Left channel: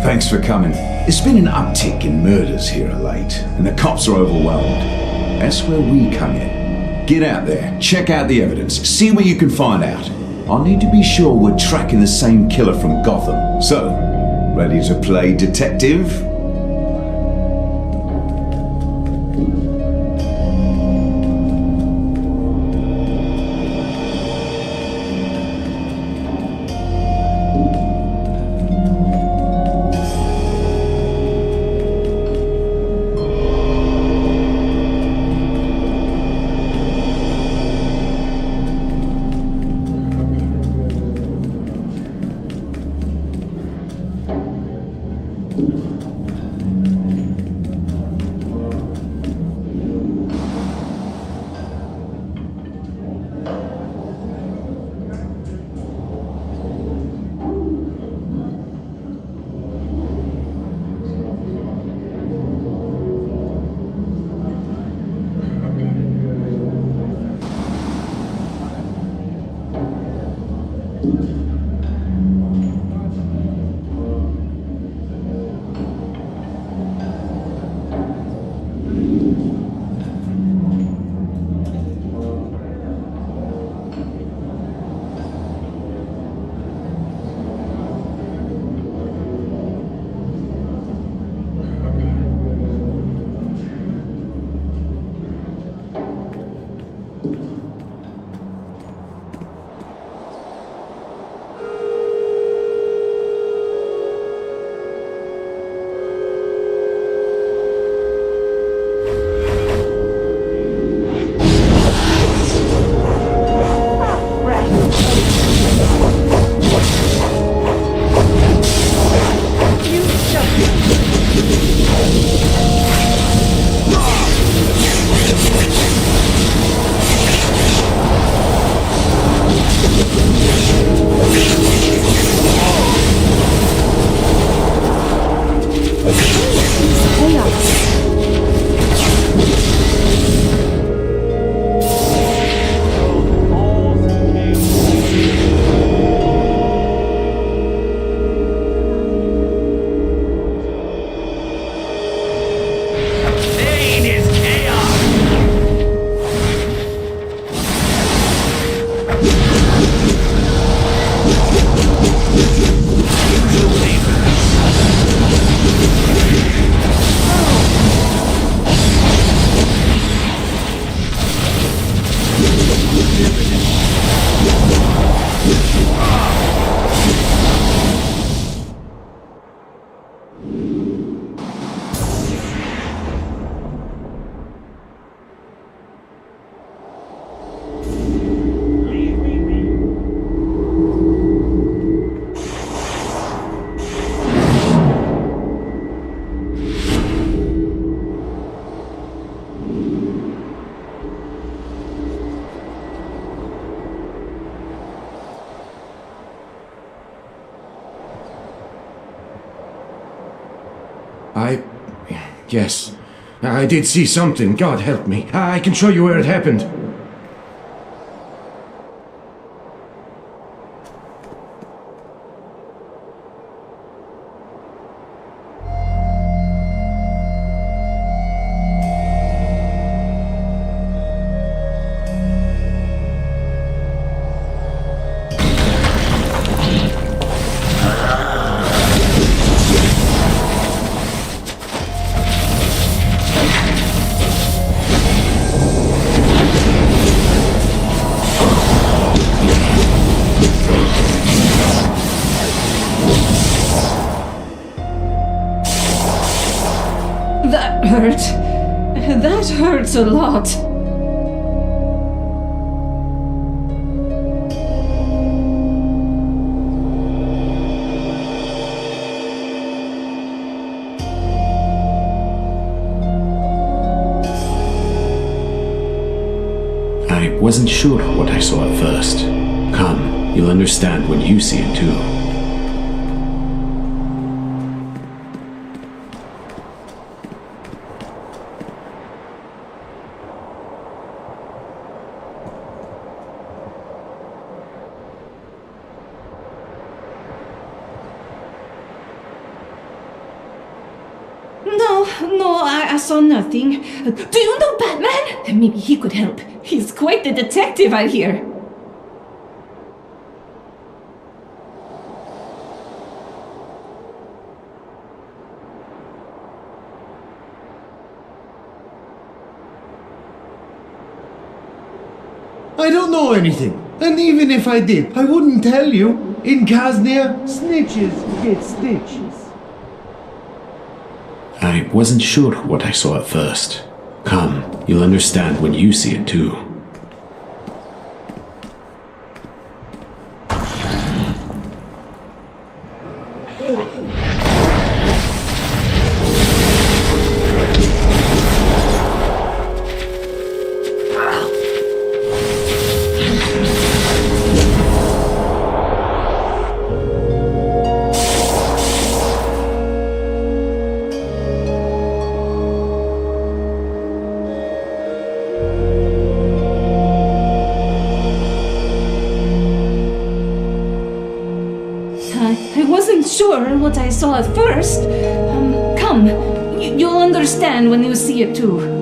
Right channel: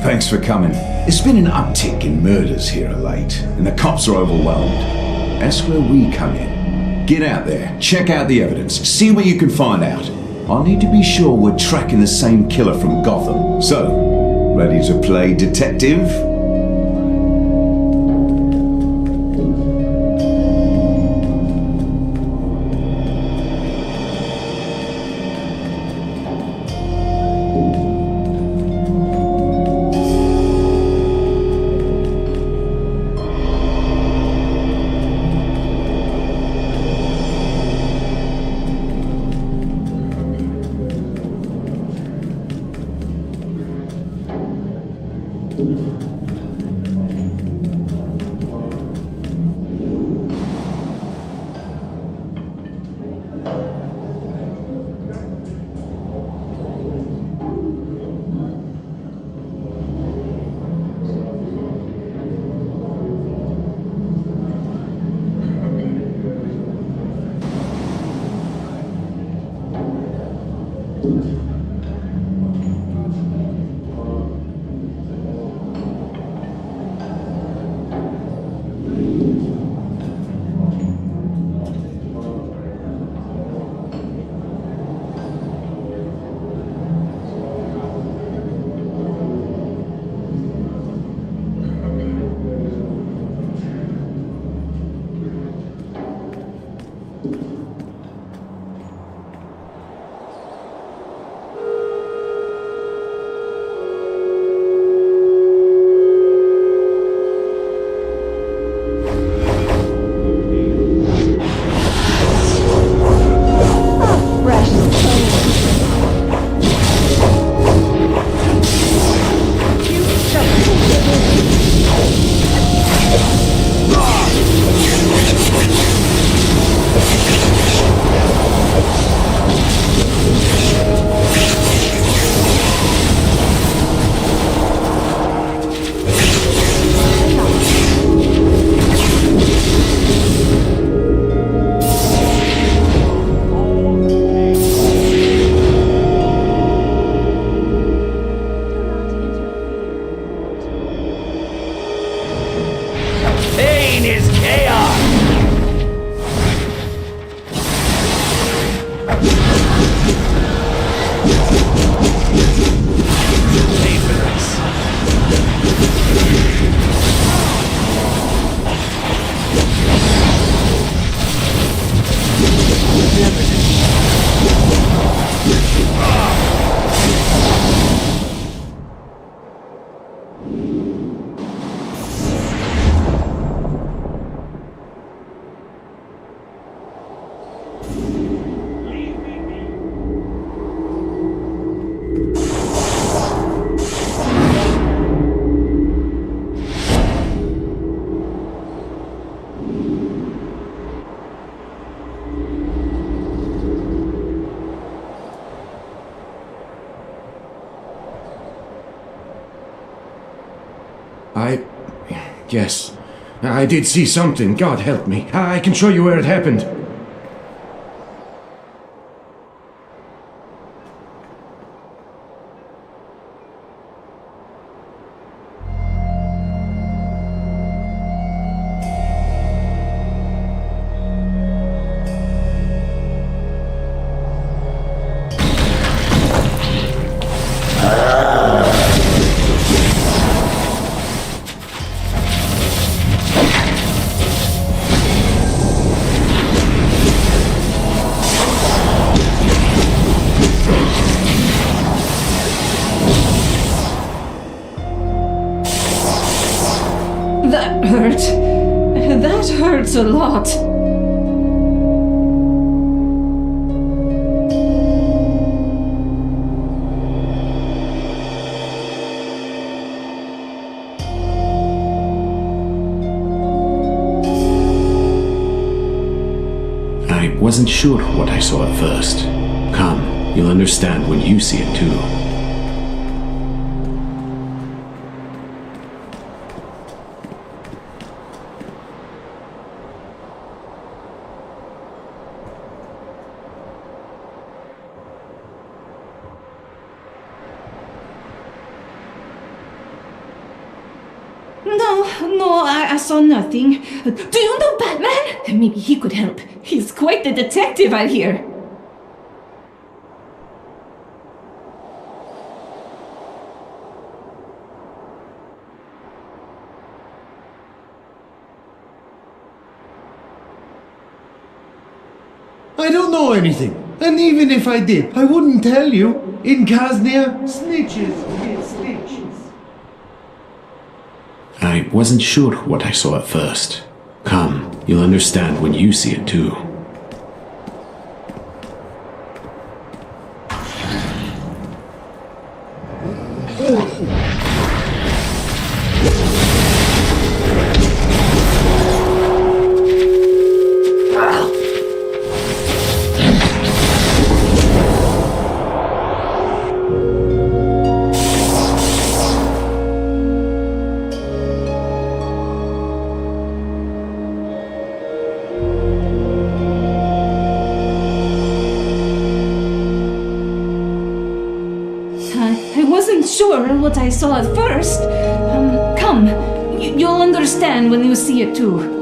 Thanks for coming. There's been an uptick in murders here of late, and the cops are overwhelmed. That's where we come in. Get out there, check out the evidence, see what you can find out. I need to be sure we're tracking the same killer from Gotham. So, ready to play detective? Yes. I did see something. God help me. I can show you where it happened. That hurt. That hurts a lot. I wasn't sure what I saw at first. Come, you'll understand when you see it too. No, I saw nothing. Do you know Batman? Maybe he could help. He's quite the detective, I hear. I don't know anything. And even if I did, I wouldn't tell you. In Kaznia, snitches get stitches. I wasn't sure what I saw at first. Come, you'll understand when you see it too. I wasn't sure what I saw at first. Come. You'll understand when you see it too.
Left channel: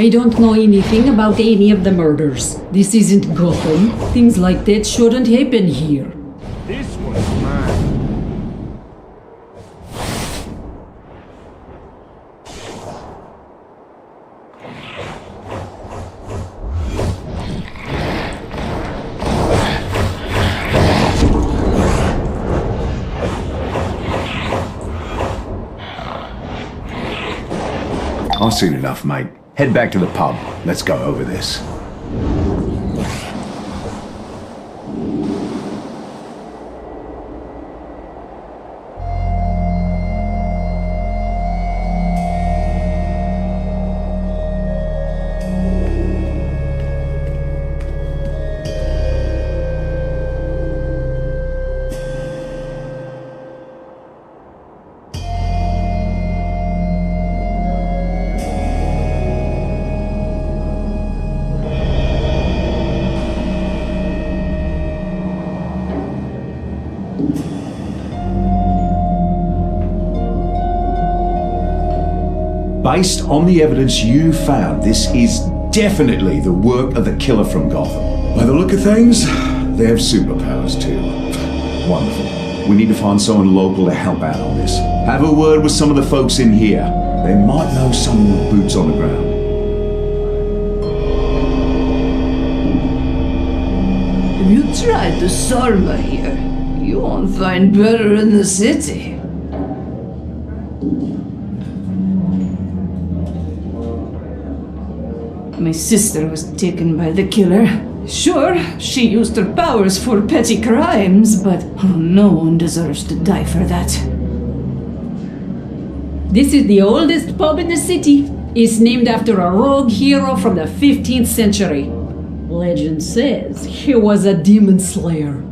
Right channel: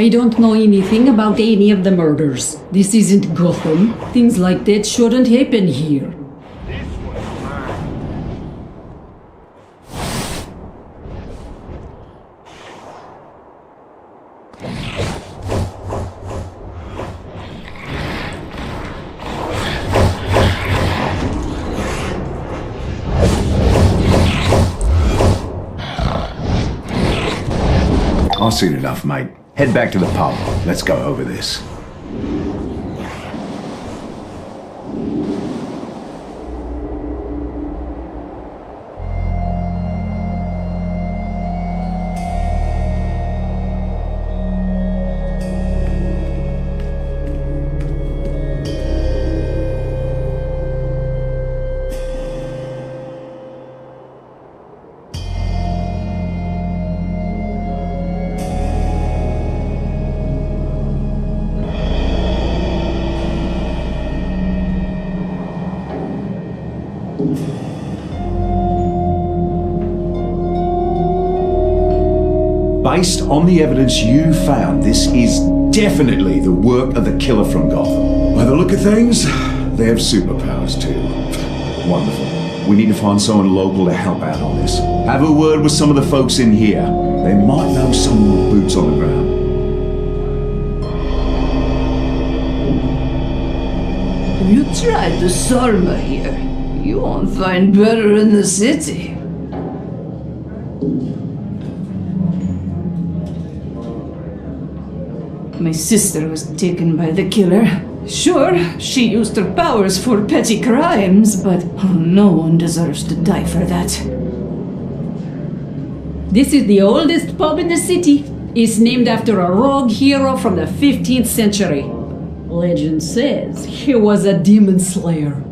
I don't know anything about any of the murders. This isn't Gotham. Things like that shouldn't happen here. I've seen enough, mate. Head back to the pub. Let's go over this. Based on the evidence you found, this is definitely the work of the killer from Gotham. By the look of things, they have superpowers too. Wonderful. We need to find someone local to help out on this. Have a word with some of the folks in here. They might know someone with boots on the ground. Have you tried the sarma here? You won't find better in the city. My sister was taken by the killer. Sure, she used her powers for petty crimes, but no one deserves to die for that. This is the oldest pub in the city. It's named after a rogue hero from the 15th century. Legend says he was a demon slayer.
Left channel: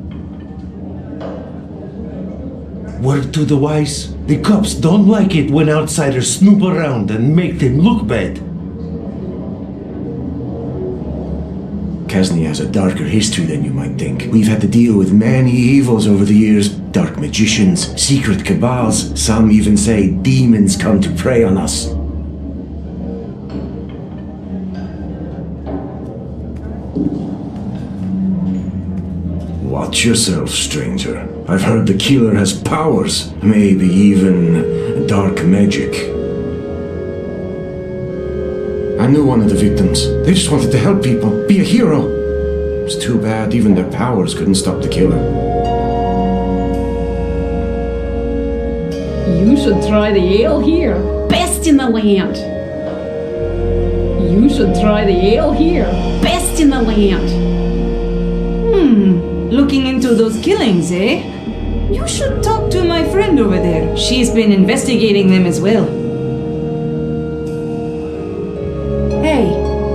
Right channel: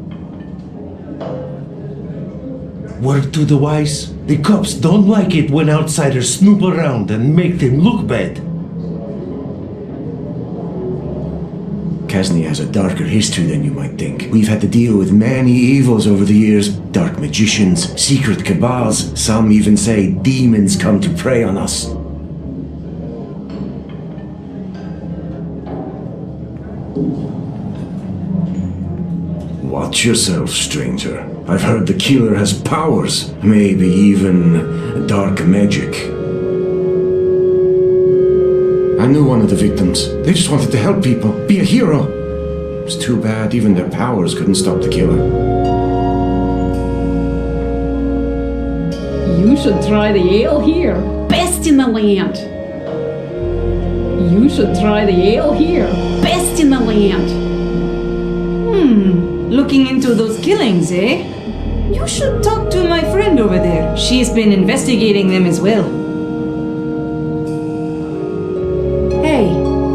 Word to the wise, the cops don't like it when outsiders snoop around and make them look bad. Kaznia has a darker history than you might think. We've had to deal with many evils over the years. Dark magicians, secret cabals, some even say demons come to prey on us. Watch yourself, stranger. I've heard the killer has powers, maybe even dark magic. I knew one of the victims. They just wanted to help people, be a hero. It's too bad even their powers couldn't stop the killer. You should try the ale here. Best in the land. You should try the ale here. Best in the land. Looking into those killings, eh? You should talk to my friend over there. She's been investigating them as well. Hey,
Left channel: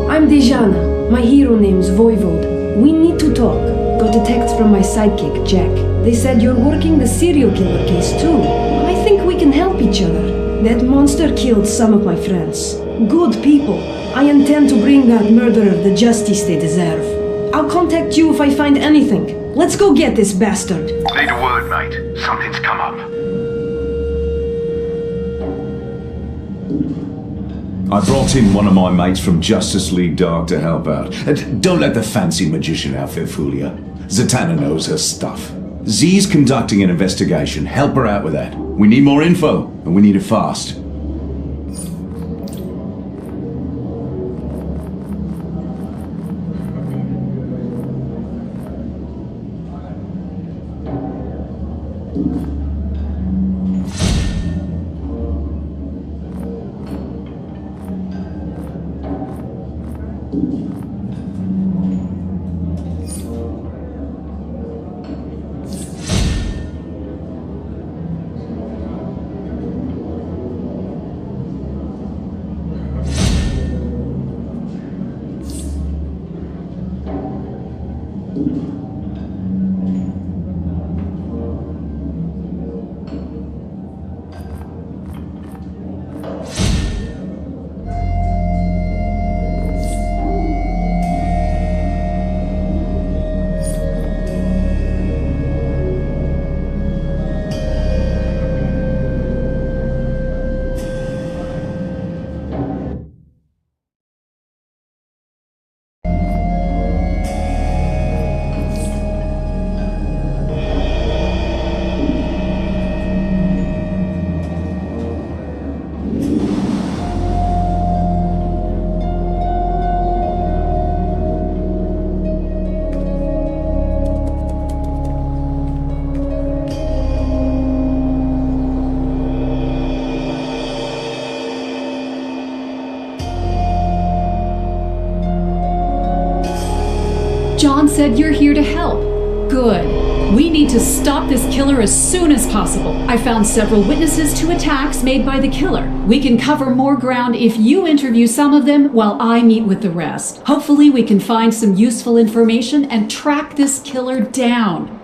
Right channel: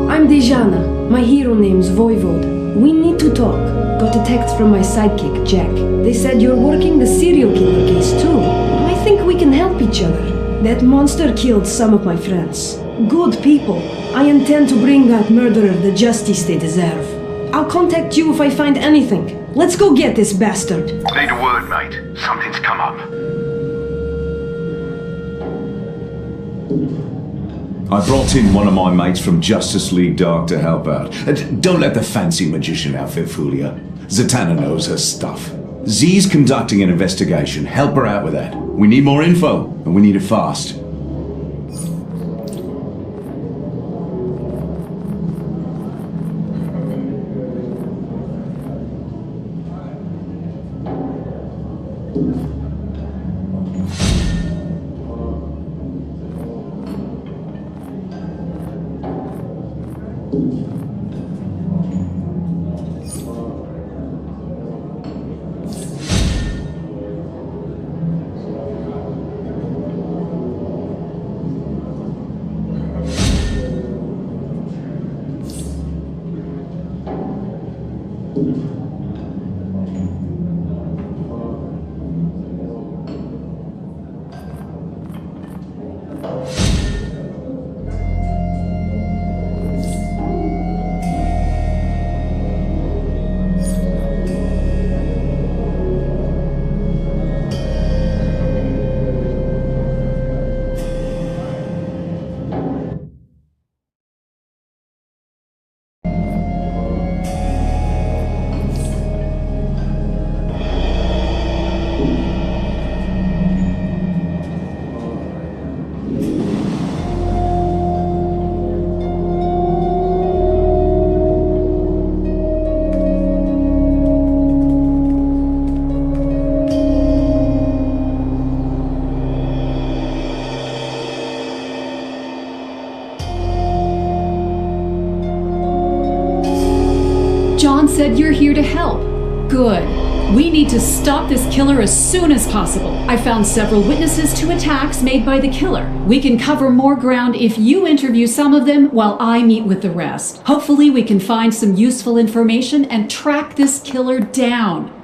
I'm Dejana. My hero name's Voivode. We need to talk. Got a text from my sidekick, Jack. They said you're working the serial killer case too. I think we can help each other. That monster killed some of my friends. Good people. I intend to bring that murderer the justice they deserve. I'll contact you if I find anything. Let's go get this bastard. Need a word, mate. Something's come up. I brought in one of my mates from Justice League Dark to help out. And don't let the fancy magician outfit fool you. Zatanna knows her stuff. Z's conducting an investigation. Help her out with that. We need more info, and we need it fast. John said you're here to help. Good. We need to stop this killer as soon as possible. I found several witnesses to attacks made by the killer. We can cover more ground if you interview some of them while I meet with the rest. Hopefully we can find some useful information and track this killer down.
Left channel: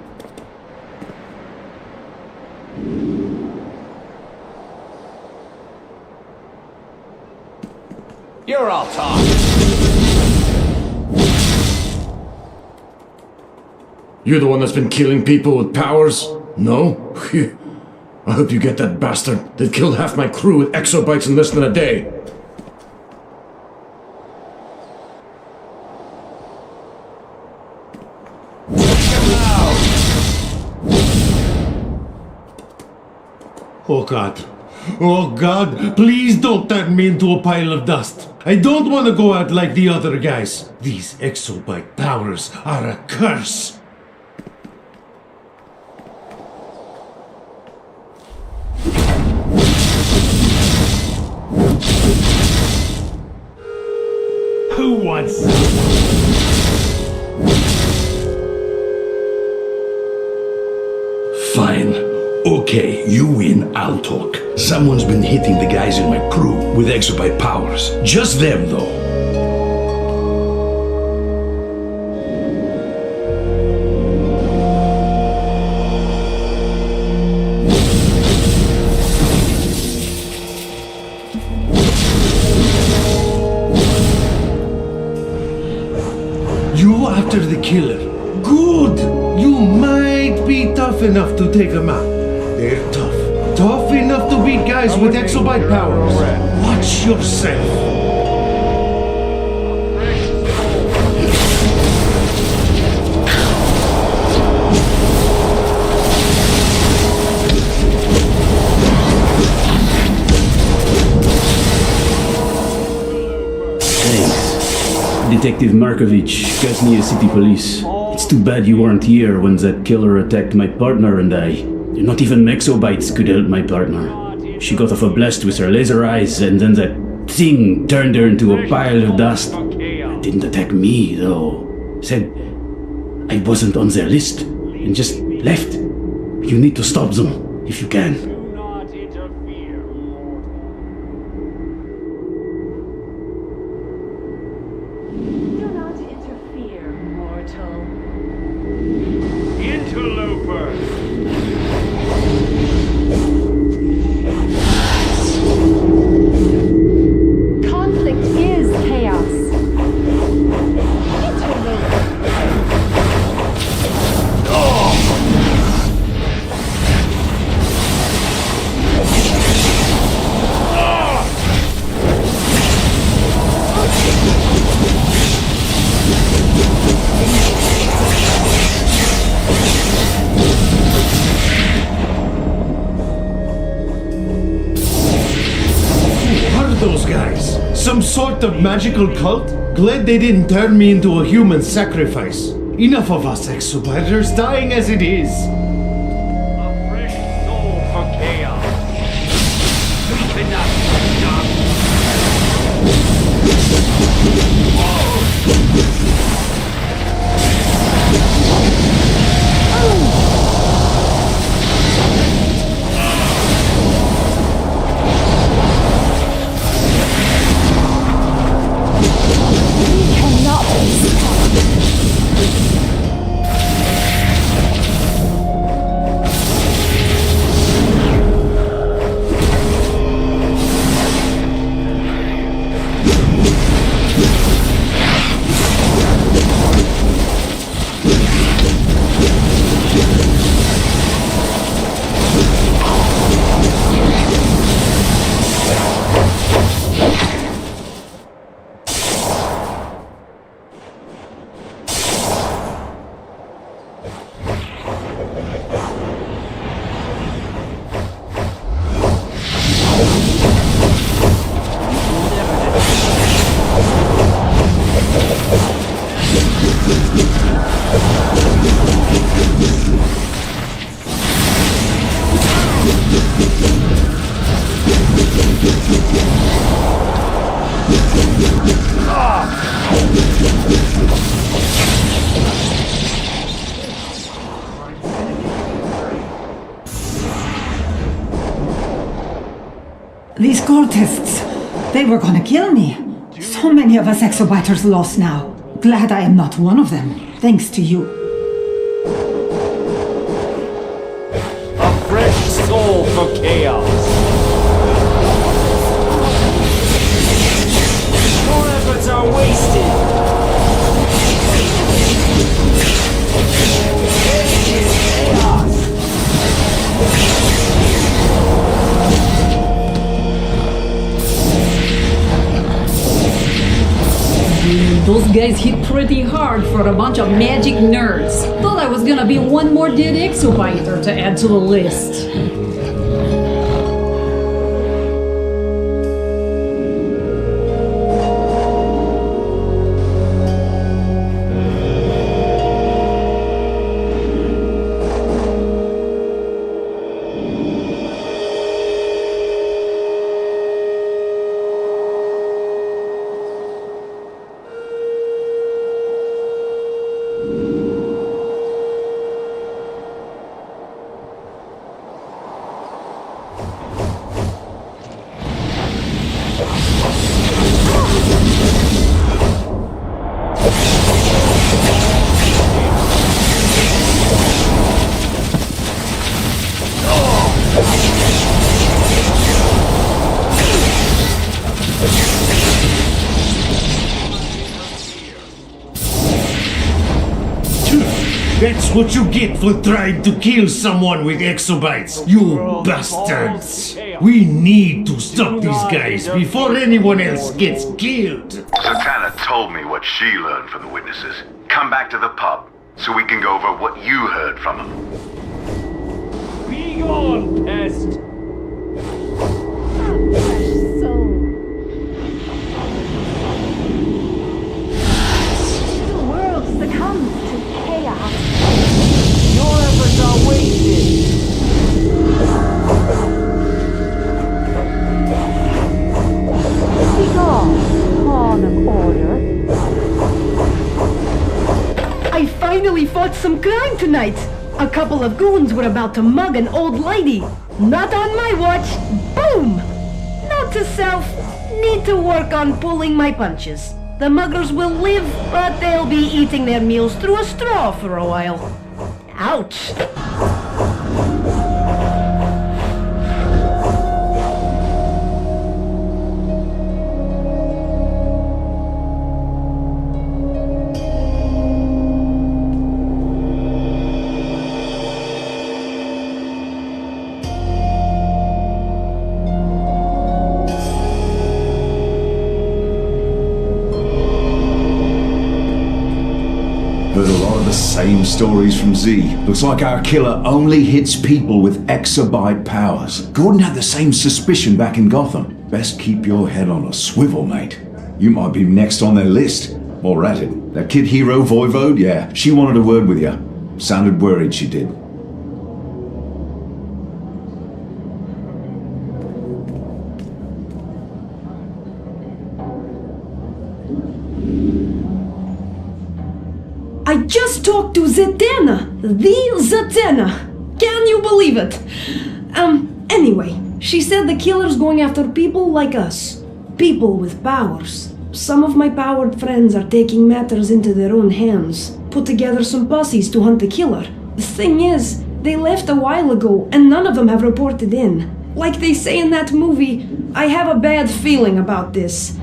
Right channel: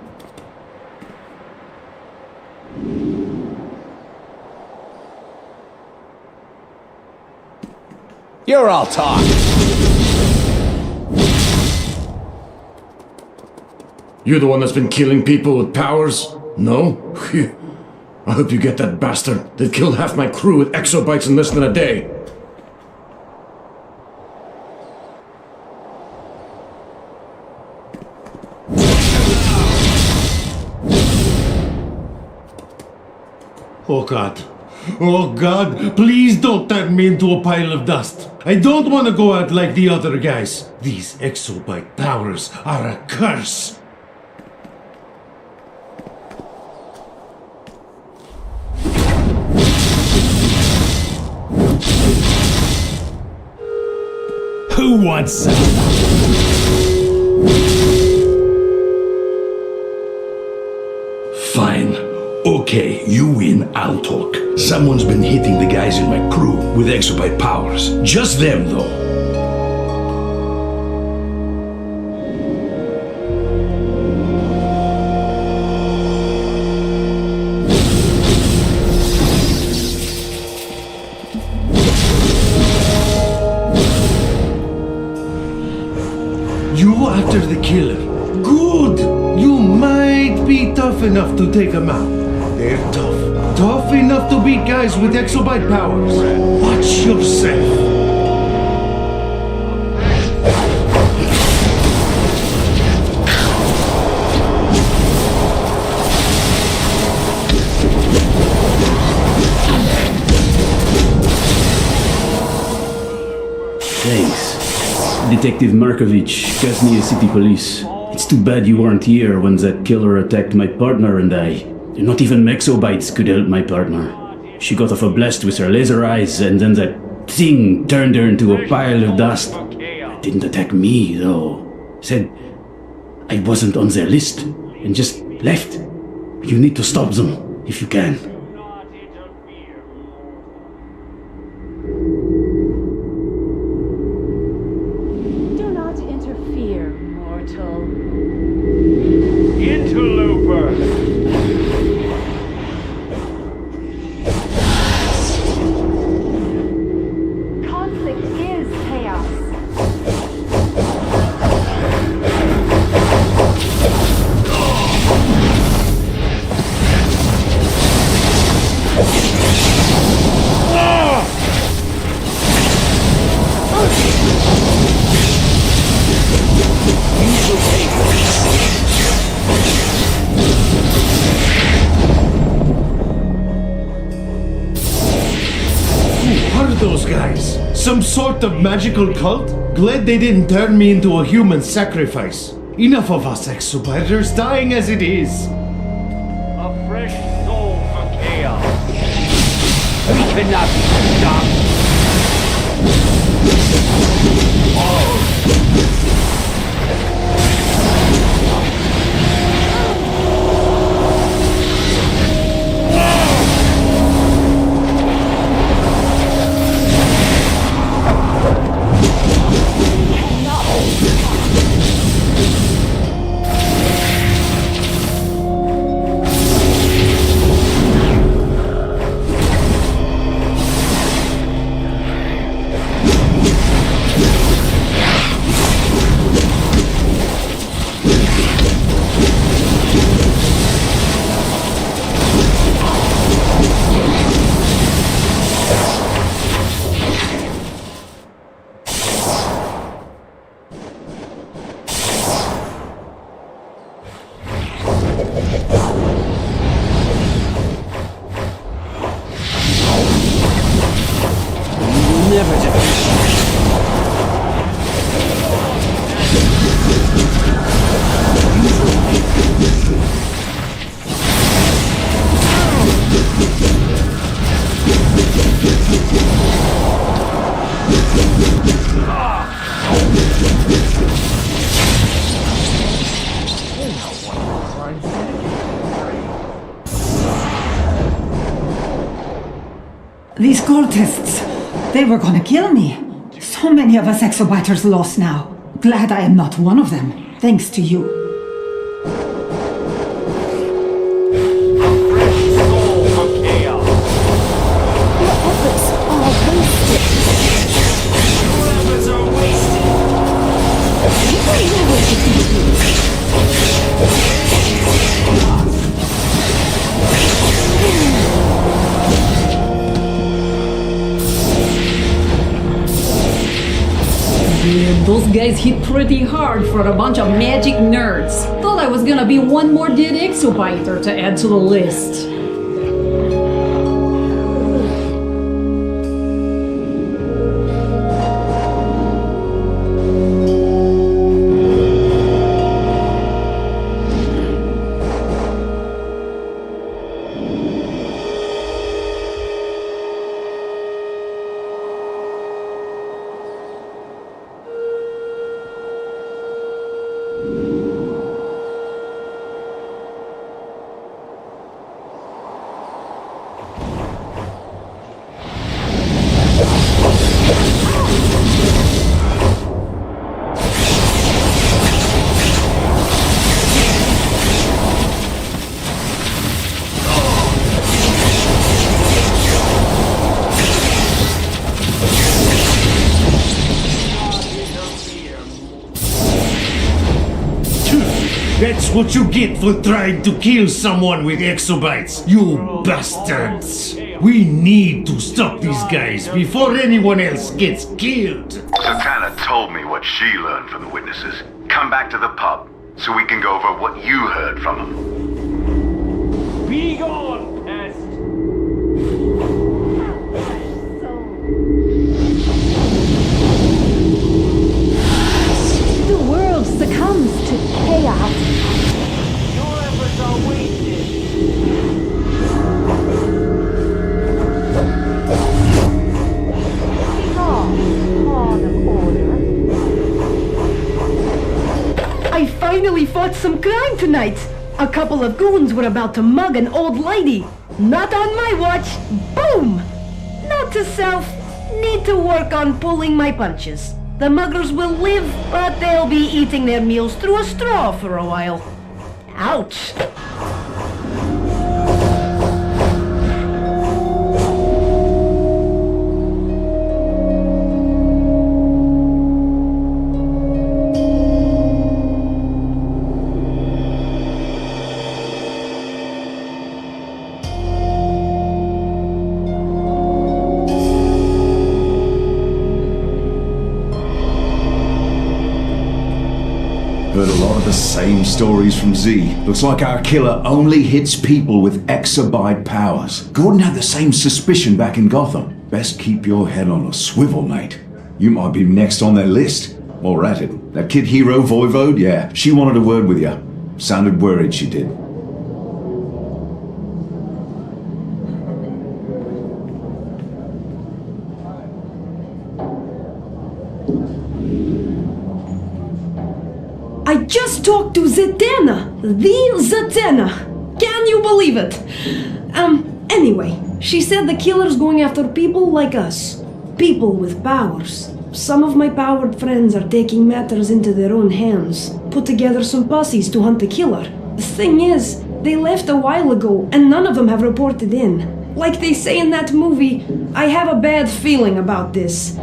You're all talk. You're the one that's been killing people with powers? No? Phew. I hope you get that bastard. They've killed half my crew with exobites in less than a day. Oh God. Oh God, please don't turn me into a pile of dust. I don't want to go out like the other guys. These exobite powers are a curse. Who wants... Fine. Okay, you win, I'll talk. Someone's been hitting the guys in my crew with exobyte powers. Just them, though. You after the killer. Good! You might be tough enough to take them out. They're tough. Tough enough to beat guys with exobyte powers. Watch yourself. Thanks. The Detective Markovich, Kaznia City Police. It's too bad you weren't here when that killer attacked my partner and I. Not even Mexobites could help my partner. She got off a blast with her laser eyes, and then that thing turned her into a pile of dust. It didn't attack me, though. Said I wasn't on their list, and just left. You need to stop them, if you can. Do not interfere, mortal. Interloper! Conflict is chaos. Who are those guys? Some sort of magical cult? Glad they didn't turn me into a human sacrifice. Enough of us exobiters dying as it is. A fresh soul for chaos. We cannot be stopped. These cultists, they were gonna kill me. So many of us exobiters lost now. Glad I am not one of them, thanks to you. A fresh soul for chaos. Your efforts are wasted. Dude, those guys hit pretty hard for a bunch of magic nerds. Thought I was gonna be one more dead exobiter to add to the list. That's what you get for trying to kill someone with exobites, you bastards! We need to stop these guys before anyone else gets killed! Zatanna told me what she learned from the witnesses. Come back to the pub, so we can go over what you heard from them. Be gone, pest! finally fought some crime tonight. A couple of goons were about to mug an old lady. Not on my watch. Boom! Note to self, need to work on pulling my punches. The muggers will live, but they'll be eating their meals through a straw for a while. Ouch! Heard a lot of the same stories from Z. Looks like our killer only hits people with exabyte powers. Gordon had the same suspicion back in Gotham. Best keep your head on a swivel, mate. You might be next on their list. While we're at it, that kid hero Voivode, yeah, she wanted a word with you. Sounded worried, she did. I just talked to Zatanna! The Zatanna! Can you believe it? Anyway, she said the killer's going after people like us. People with powers. Some of my powered friends are taking matters into their own hands. Put together some posses to hunt the killer. The thing is, they left a while ago and none of them have reported in. Like they say in that movie, I have a bad feeling about this.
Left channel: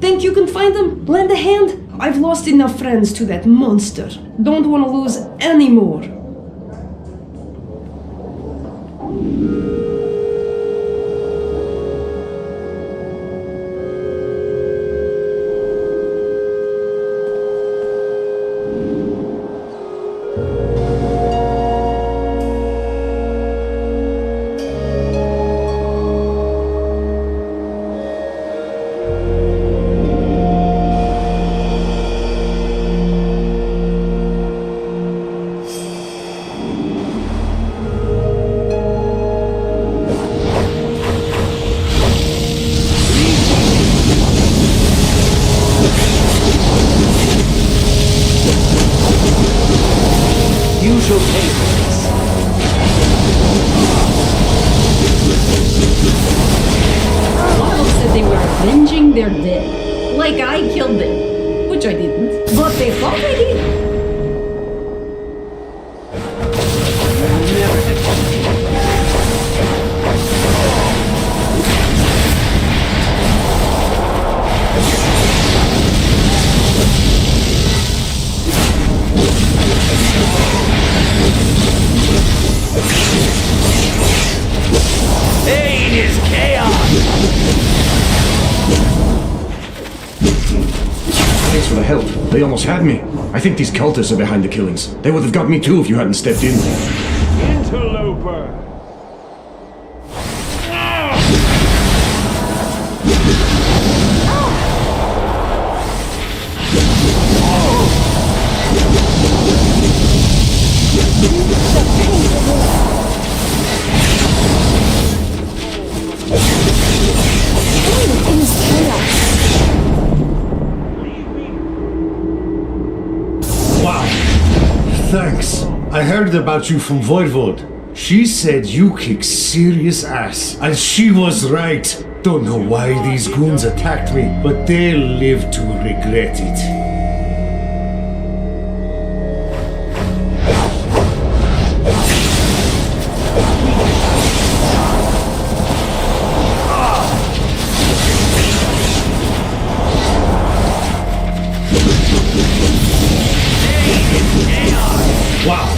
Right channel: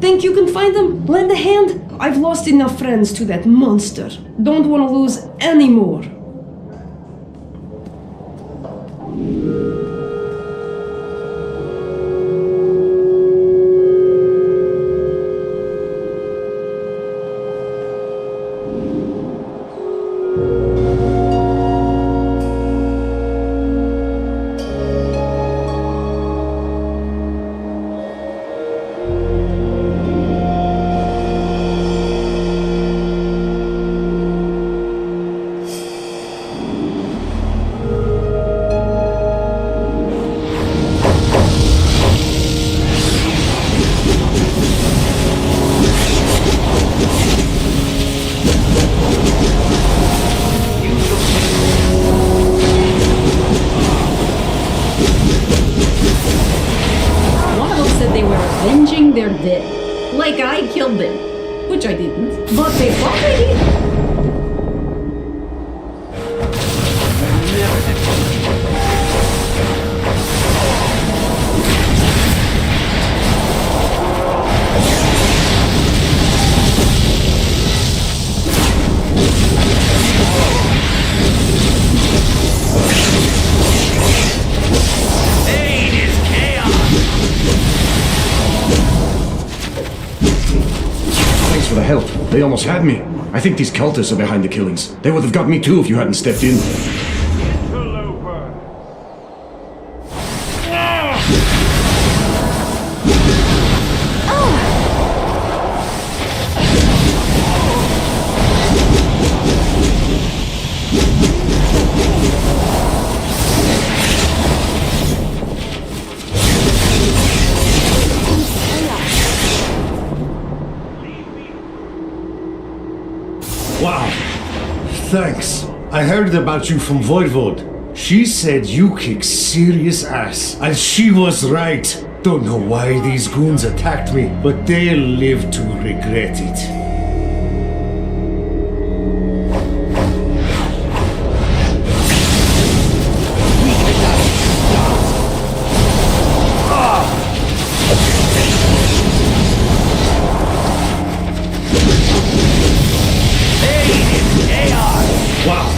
Think you can find them? Lend a hand? I've lost enough friends to that monster. Don't want to lose any more. One of them said they were avenging their dead. Like I killed them. Which I didn't. But they thought I did. Pain is chaos! Thanks for the help. They almost had me. I think these cultists are behind the killings. They would have got me too if you hadn't stepped in. Interloper! Wow. Thanks. I heard about you from Voivode. She said you kick serious ass. And she was right. Don't know why these goons attacked me, but they'll live to regret it. Wow.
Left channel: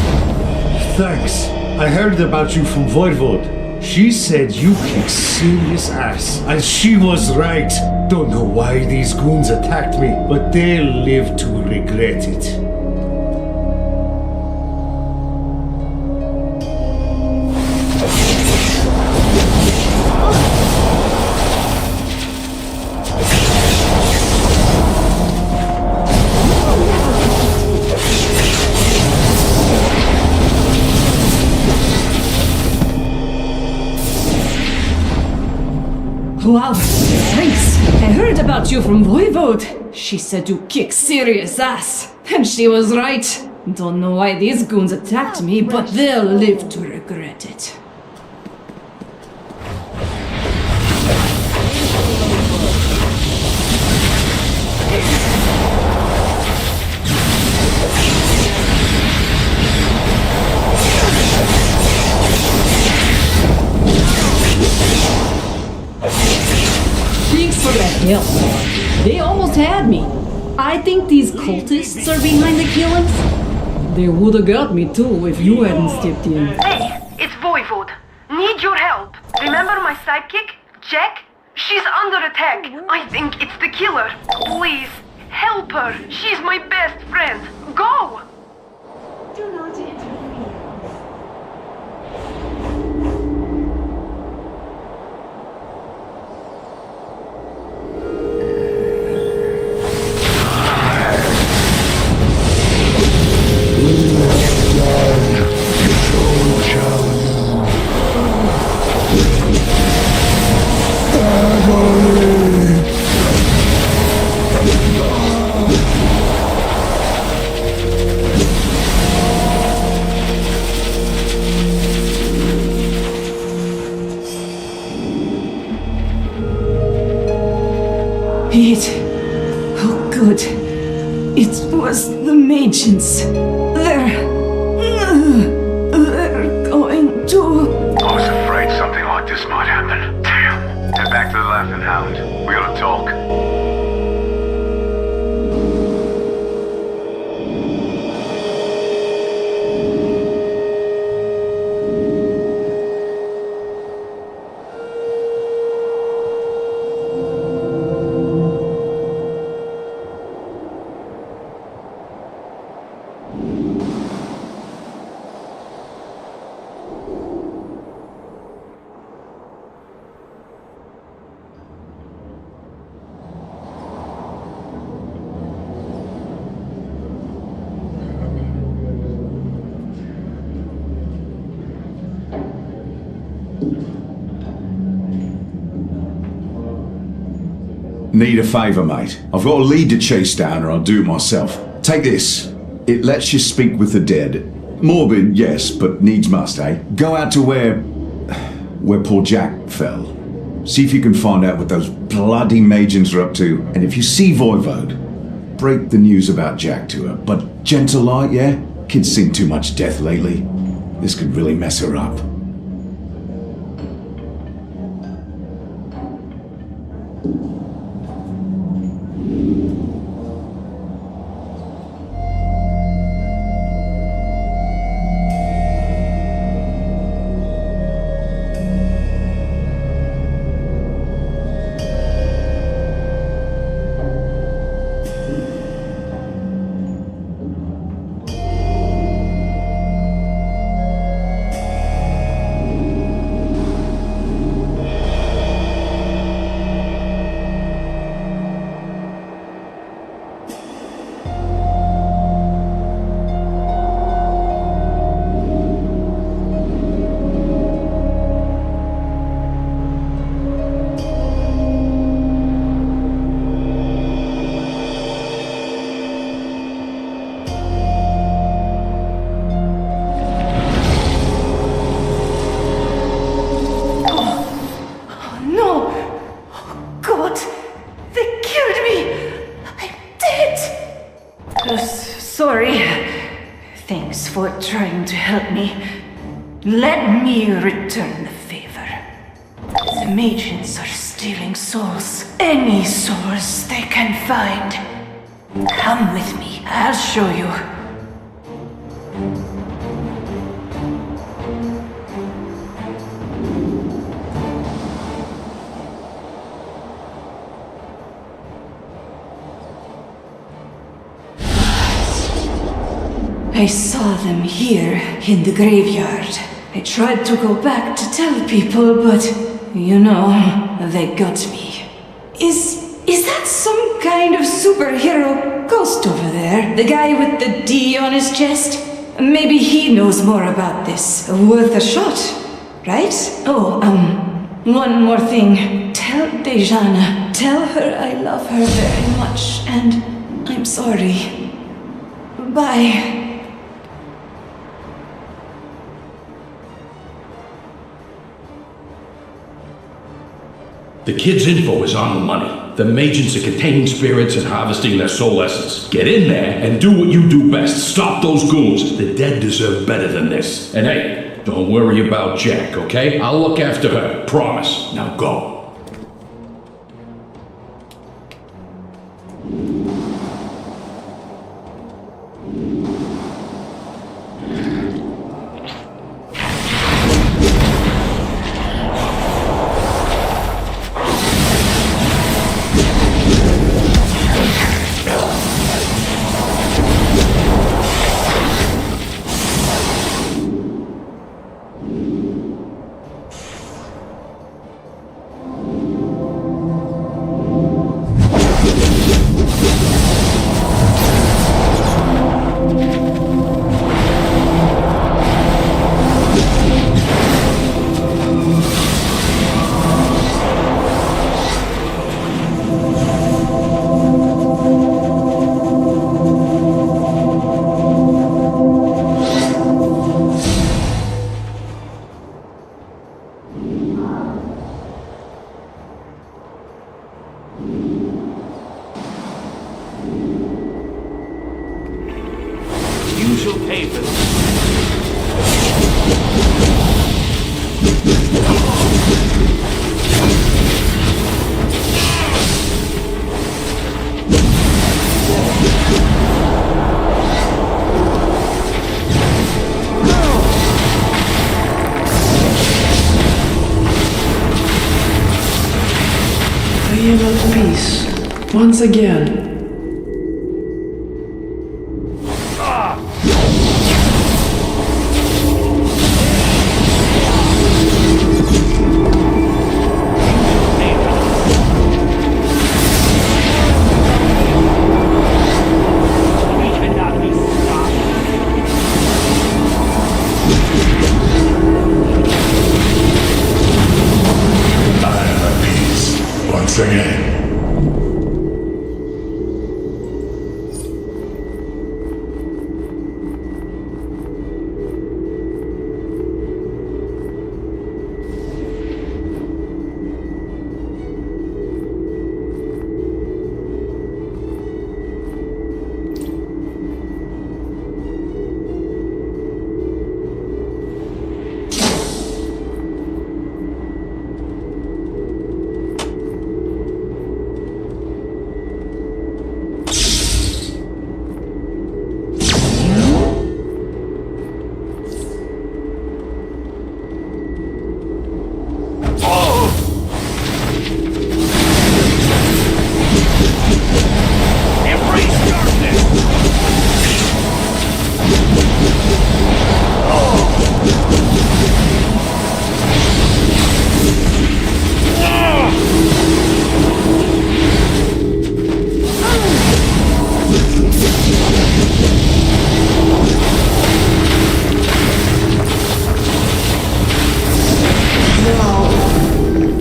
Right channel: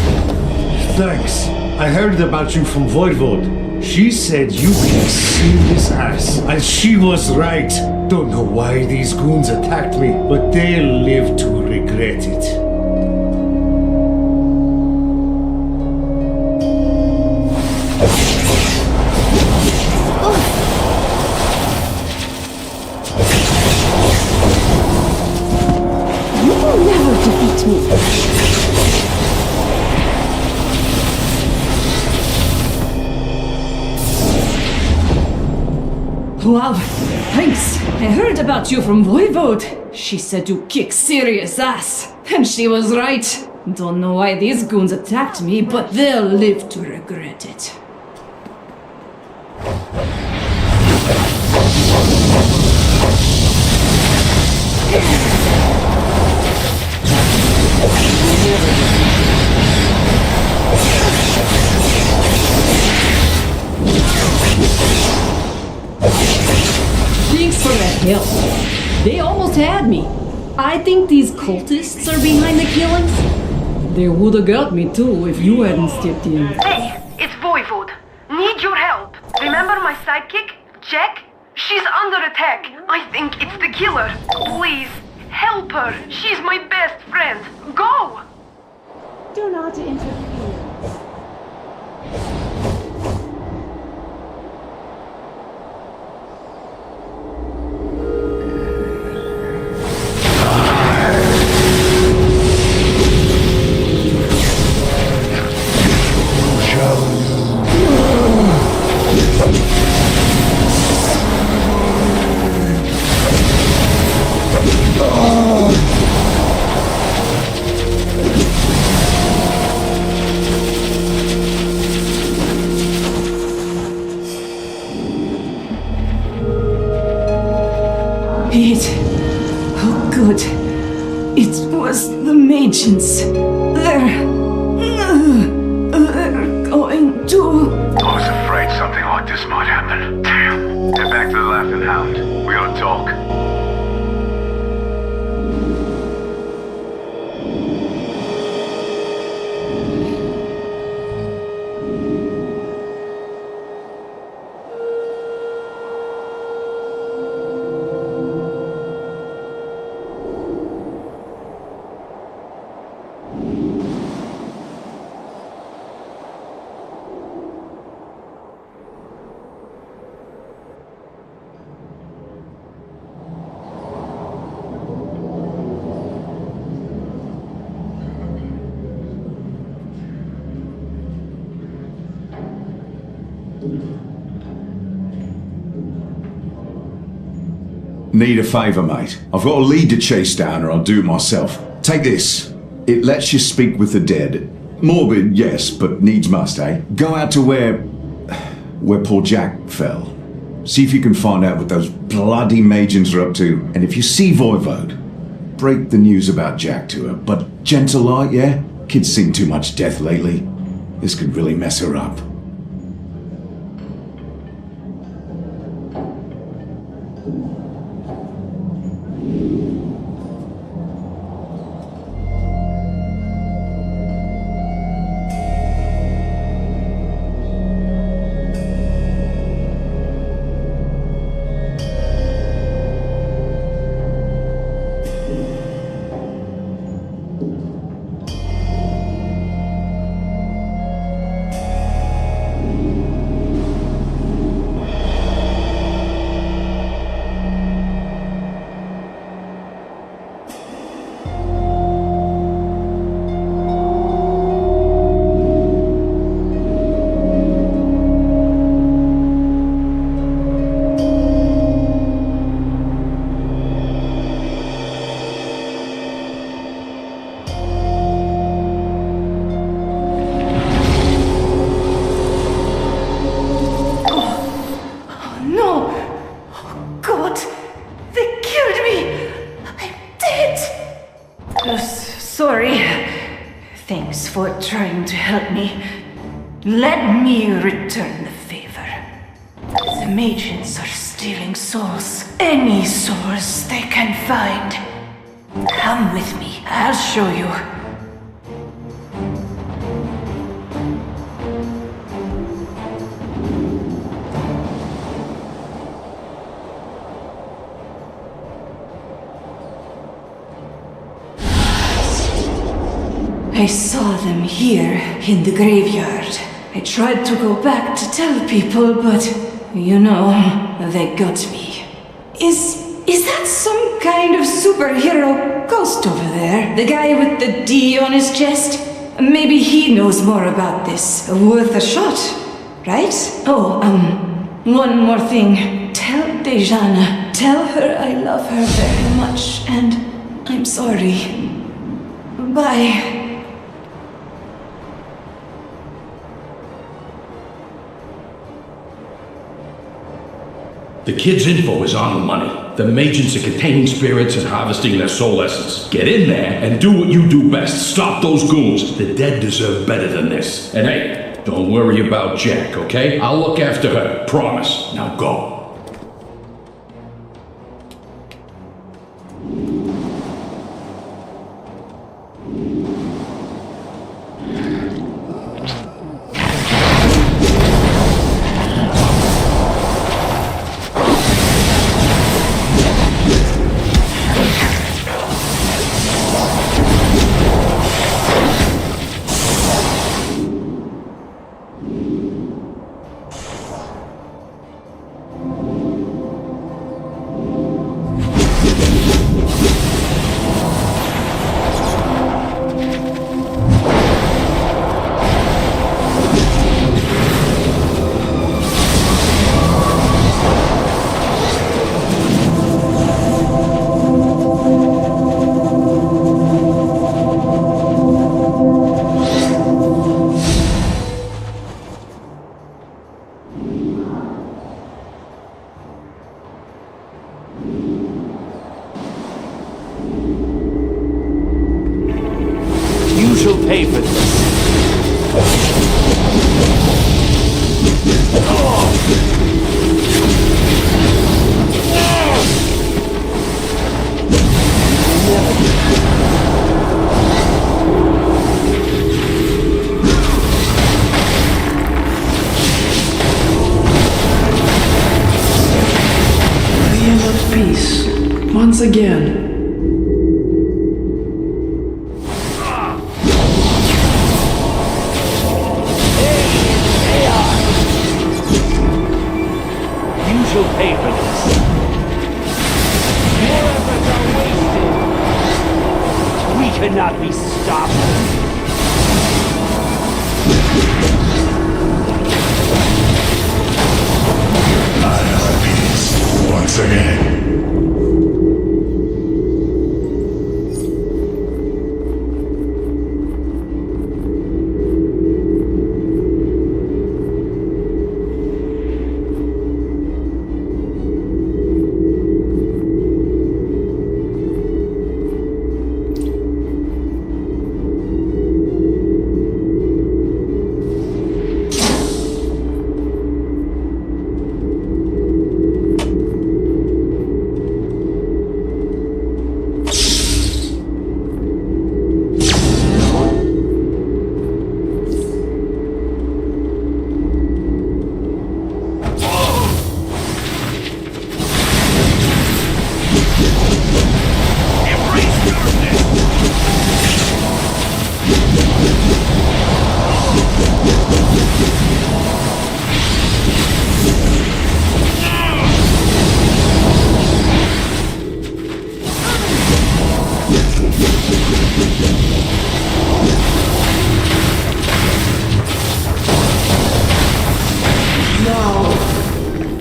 Thanks. I heard about you from Voivode. She said you kick serious ass. And she was right. Don't know why these goons attacked me, but they'll live to regret it. Wow, thanks. I heard about you from Voivode. She said you kick serious ass. And she was right. Don't know why these goons attacked me, but they'll live to regret it. Thanks for the help. They almost had me. I think these cultists are behind the killings. They would have got me too if you hadn't stepped in. Hey, it's Voivode. Need your help. Remember my sidekick, Jack? She's under attack. I think it's the killer. Please, help her. She's my best friend. Go! Do not interfere. Shall you? Oh good. It was the Magians. They're going to... I was afraid something like this might happen. Damn. Head back to the Laughing Hound. We gotta talk. Need a favour, mate. I've got a lead to chase down or I'll do it myself. Take this. It lets you speak with the dead. Morbid, yes, but needs must, eh? Go out to where poor Jack fell. See if you can find out what those bloody Magians are up to. And if you see Voivode, break the news about Jack to her. But gentle like, yeah? Kid's seen too much death lately. This could really mess her up. Sorry. Thanks for trying to help me. Let me return the favor. The Magians are stealing souls. Any souls they can find. Come with me. I'll show you. I saw them here in the graveyard. I tried to go back to tell people, but you know, they got me. Is that some kind of superhero ghost over there? The guy with the D on his chest? Maybe he knows more about this. Worth a shot, right? Oh, one more thing. Tell Dejana. Tell her I love her very much and I'm sorry. Bye. The kid's info is on the money. The agents are containing spirits and harvesting their soul essence. Get in there and do what you do best. Stop those goons. The dead deserve better than this. And hey, don't worry about Jack, okay? I'll look after her. Promise. Now go. Once again. You shall pay for this. We cannot be stopped. I am at peace once again.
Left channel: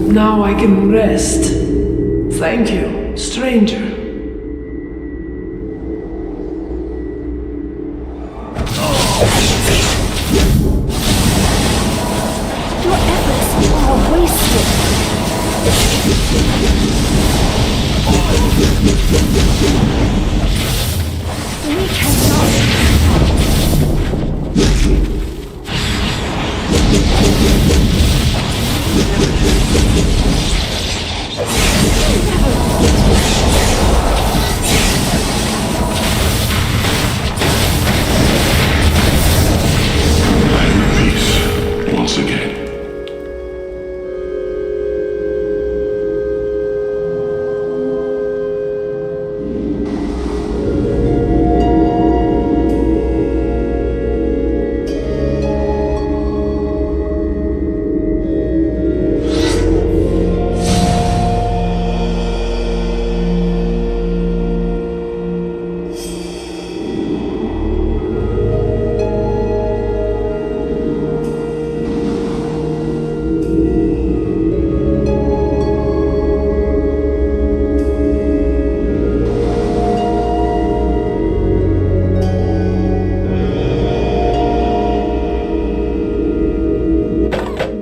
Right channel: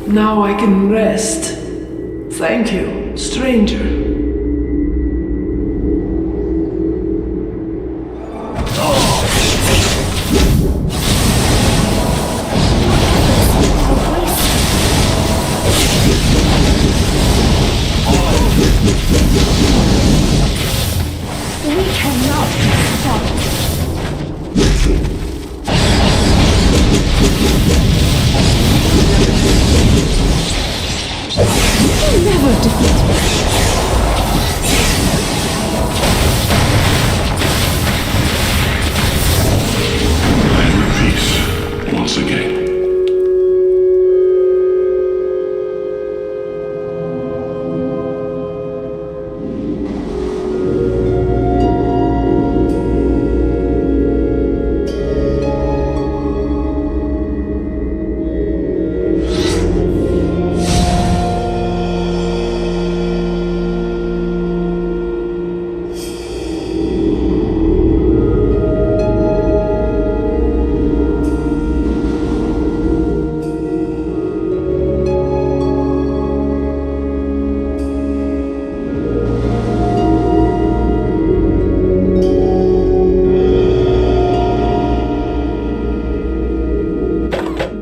Now I can rest. Thank you, stranger. Your efforts are wasted. We cannot be stopped. I am at peace once again.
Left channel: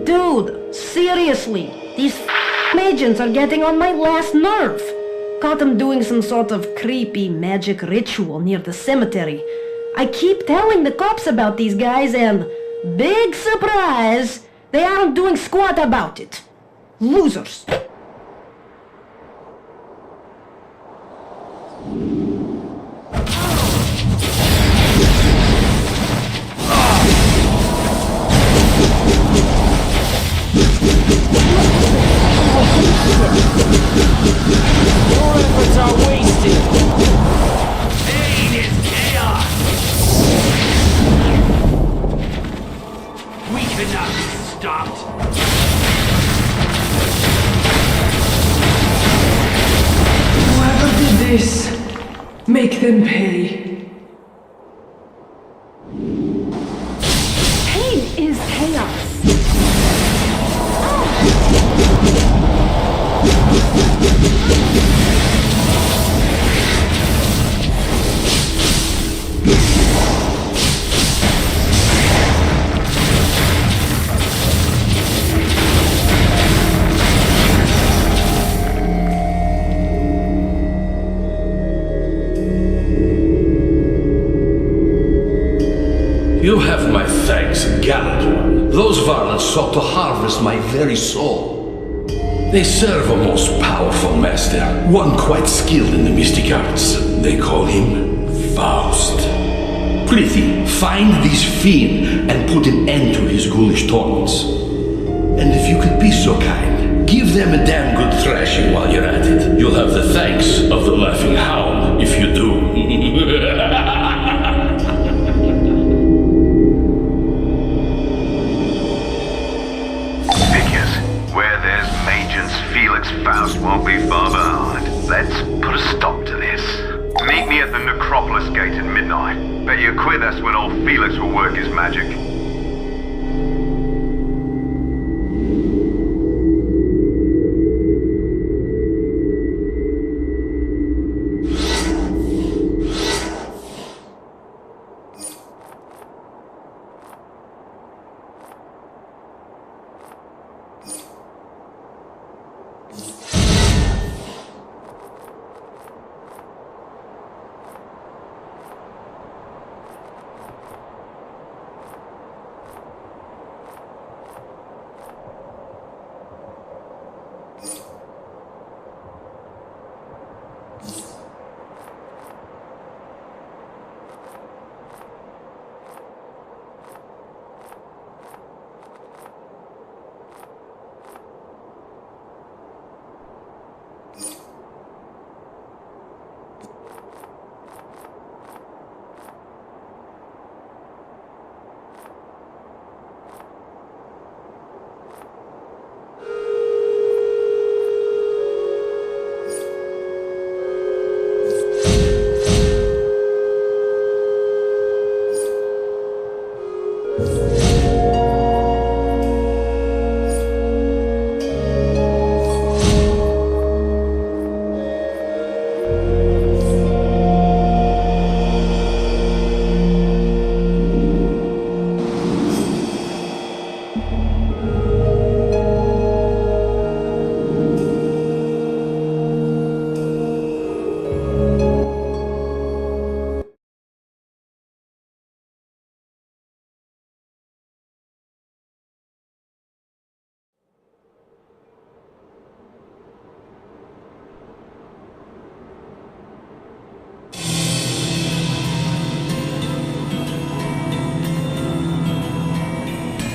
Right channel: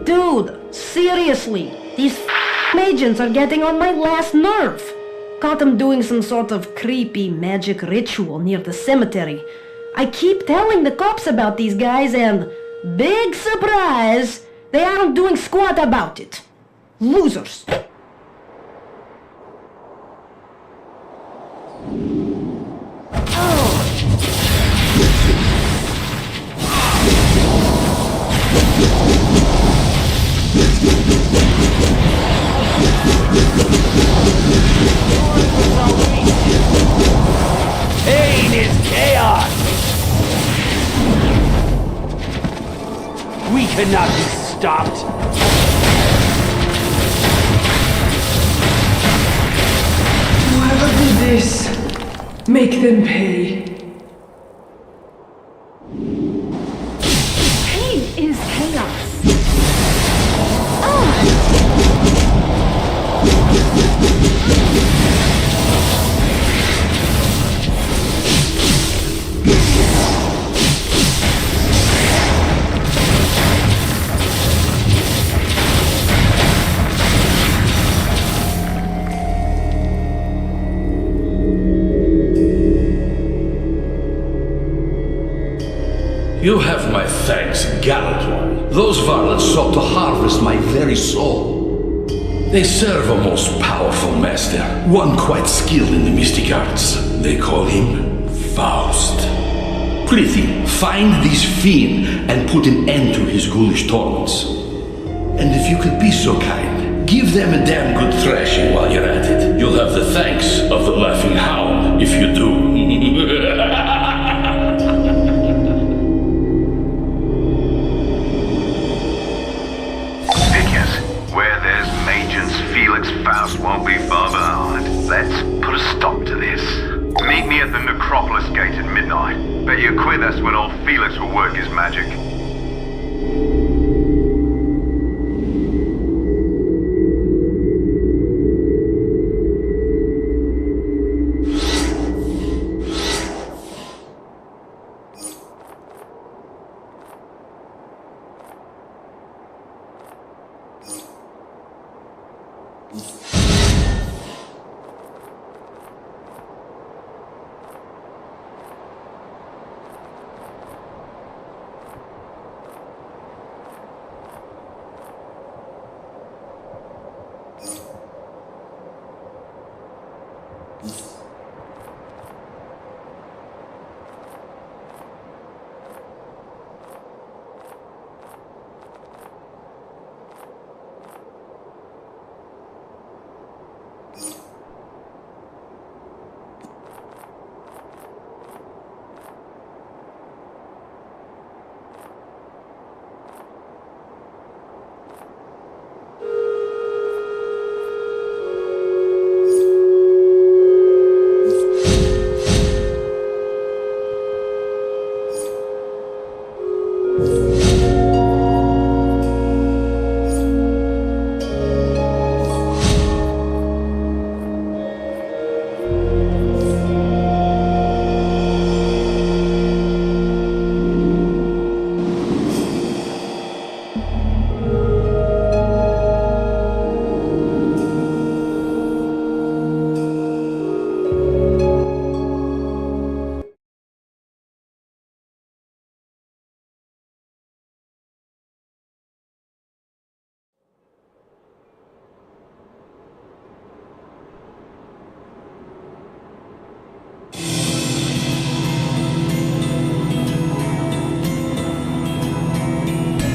Dude, seriously, these agents are getting on my last nerve. Caught them doing some sort of creepy magic ritual near the cemetery. I keep telling the cops about these guys and, big surprise, they aren't doing squat about it. Losers. Pain is chaos! We cannot be stopped! Whoever did this, make them pay. Pain is chaos. You have my thanks, gallant one. Those varlets sought to harvest my very soul. They serve a most powerful master, one quite skilled in the mystic arts. They call him Faust. Prithee, find this fiend and put an end to his ghoulish torments. And if you could be so kind, give them a damn good thrashing while you're at it. You'll have the thanks of the Laughing Hound if you do. Where there's Magians, Felix Faust won't be far behind. Let's put a stop to this. Meet me at the Necropolis Gate at midnight. Bet you quit that's when old Felix will work his magic.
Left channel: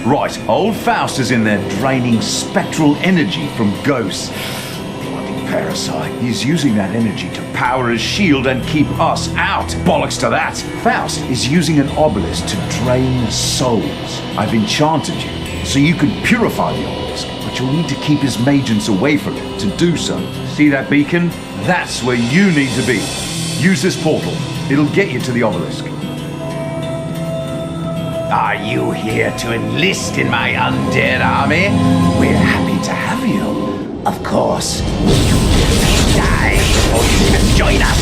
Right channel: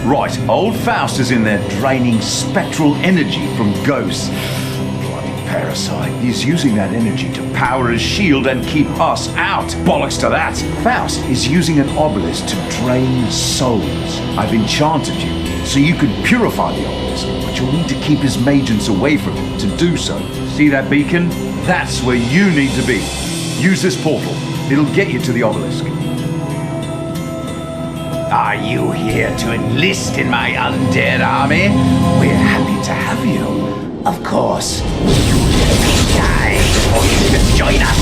Right, old Faust is in there draining spectral energy from ghosts. Bloody parasite. He's using that energy to power his shield and keep us out. Bollocks to that. Faust is using an obelisk to drain souls. I've enchanted you, so you can purify the obelisk, but you'll need to keep his magians away from it to do so. See that beacon? That's where you need to be. Use this portal. It'll get you to the obelisk. Are you here to enlist in my undead army? We're happy to have you. Of course, you will die before you can join us.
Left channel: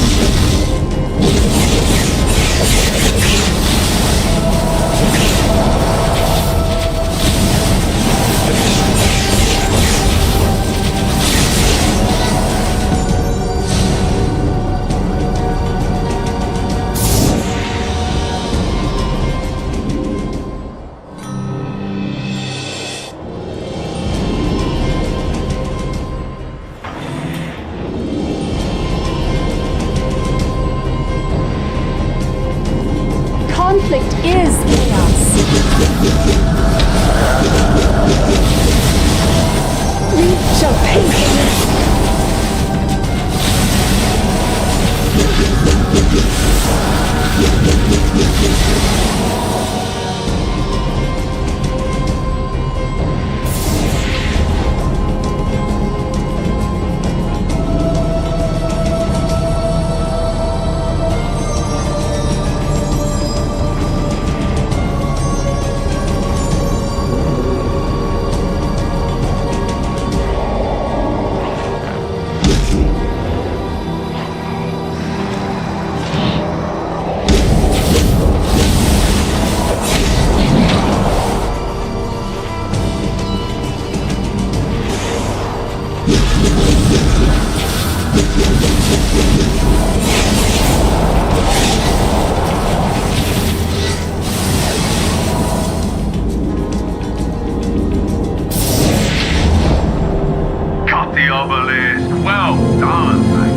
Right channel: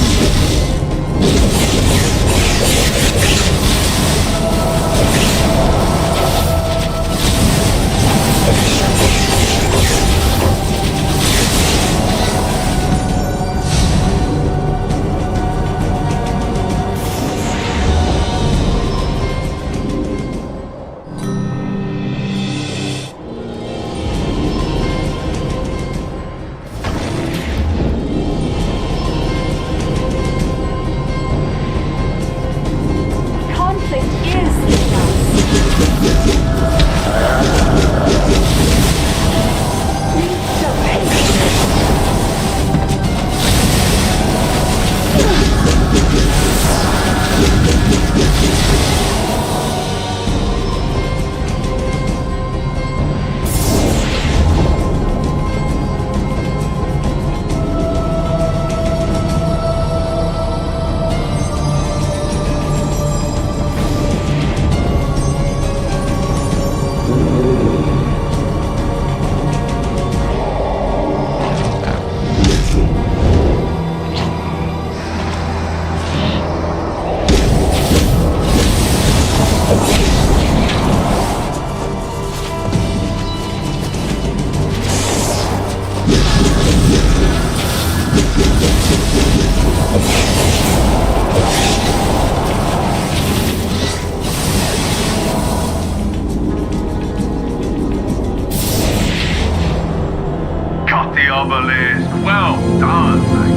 Cut the obelisk. Well done, mate.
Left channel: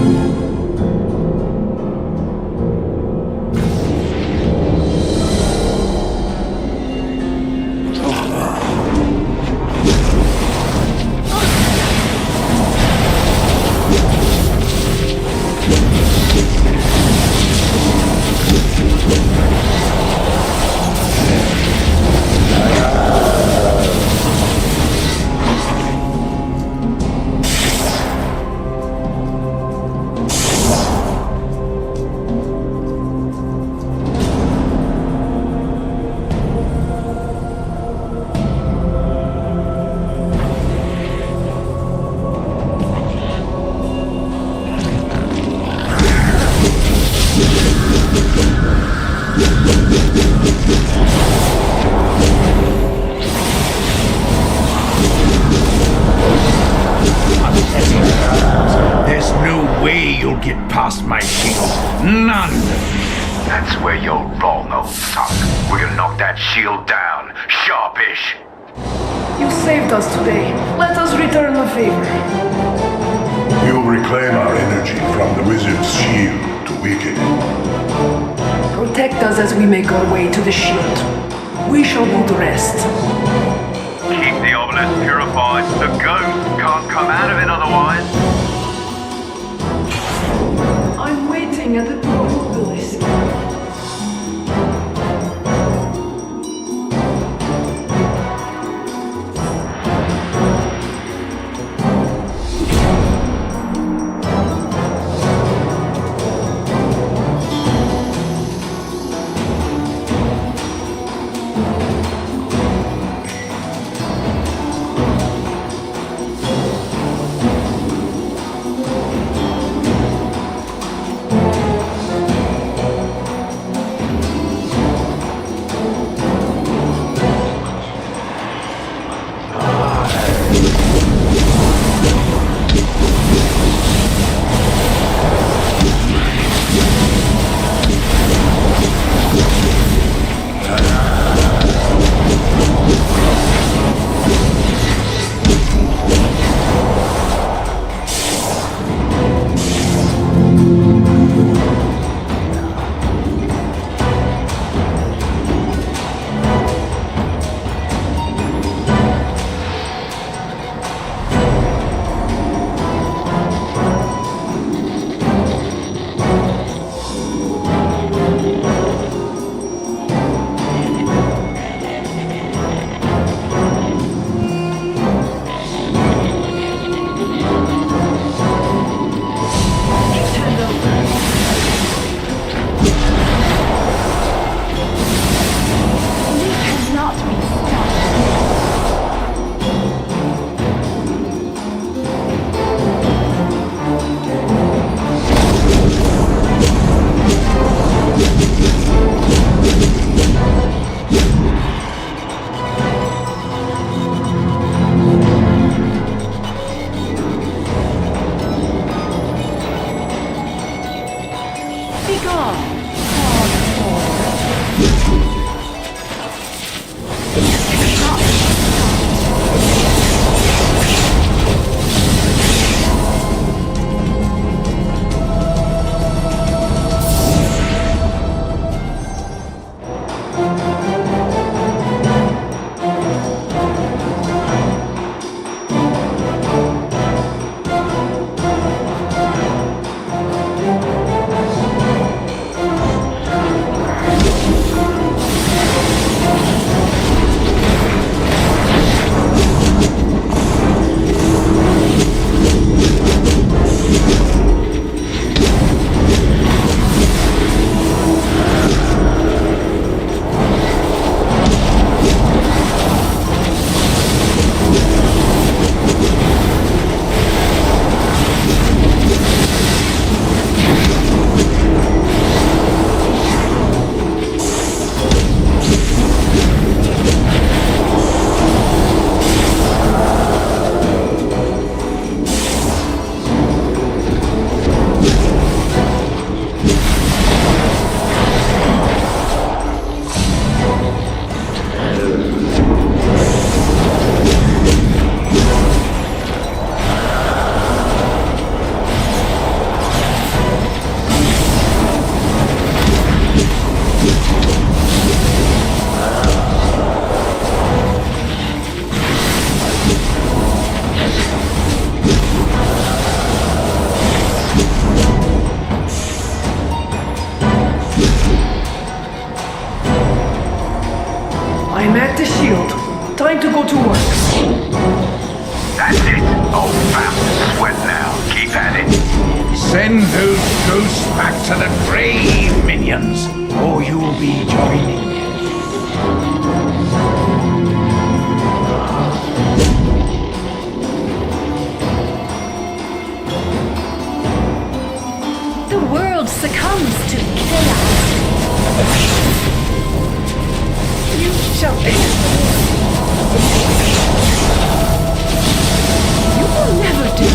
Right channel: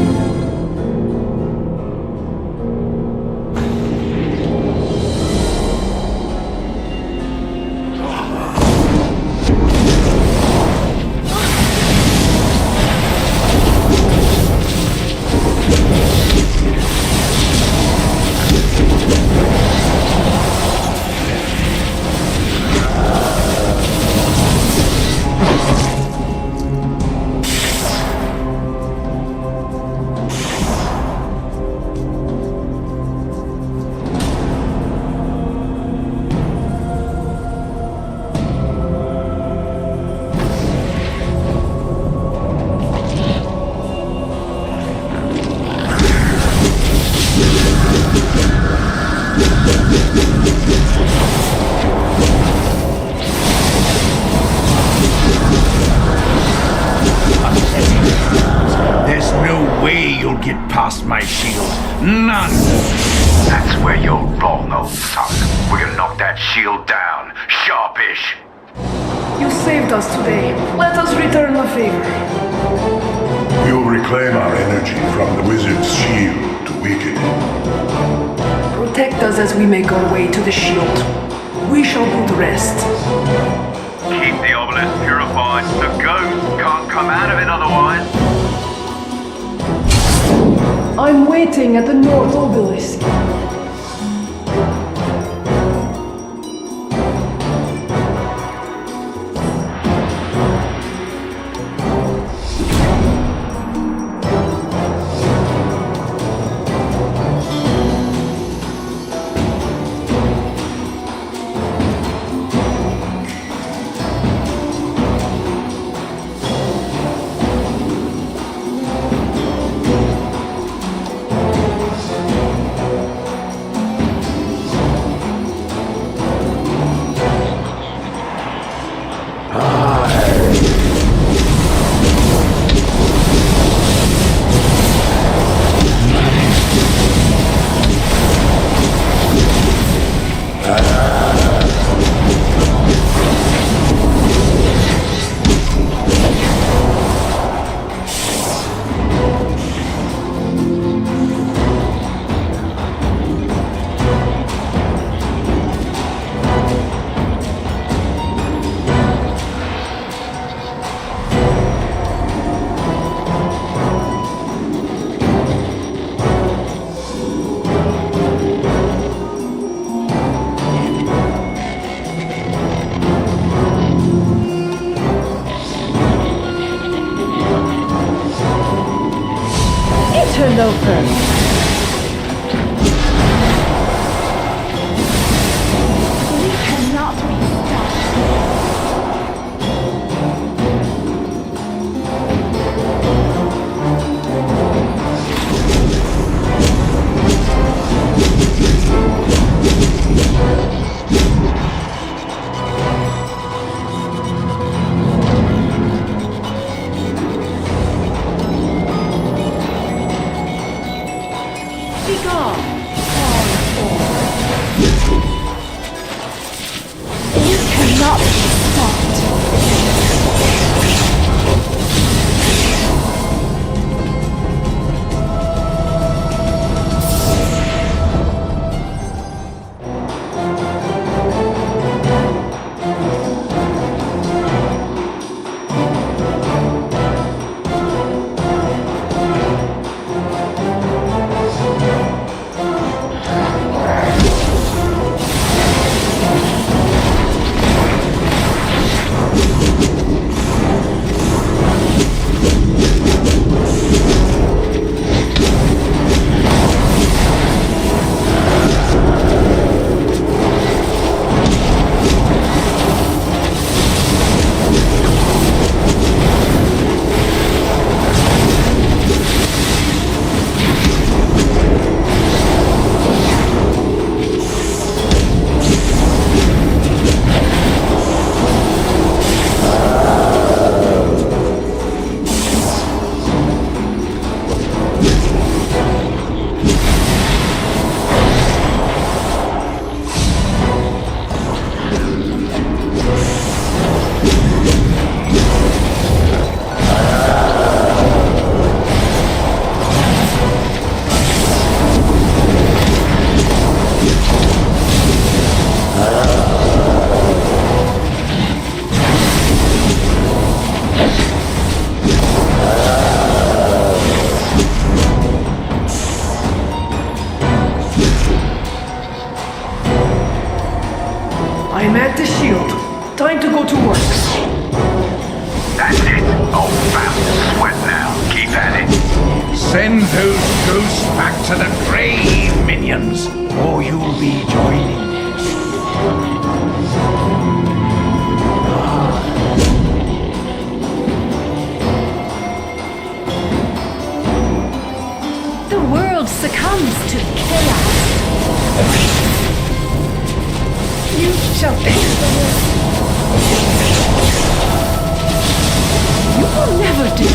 There's no way you'll get past my shield. None! That's where you're wrong, old son. We're gonna knock that shield down. Sharpish. You saved us today. Let us return the favor. We will reclaim our energy from the wizard's shield to weaken it. Protect us as we make our way to the shield. We shall do the rest. Keep the obelisk purified. The ghost can't come out of it otherwise. I'm waiting at the North Obelisk. I'm at the shield. Time to go to work. That's it. Old fast sweat now. Keep at it. Send those ghosts back to the grave, minions, or you'll be joining us. The world succumbs to chaos. You shall pay for this. You will never do.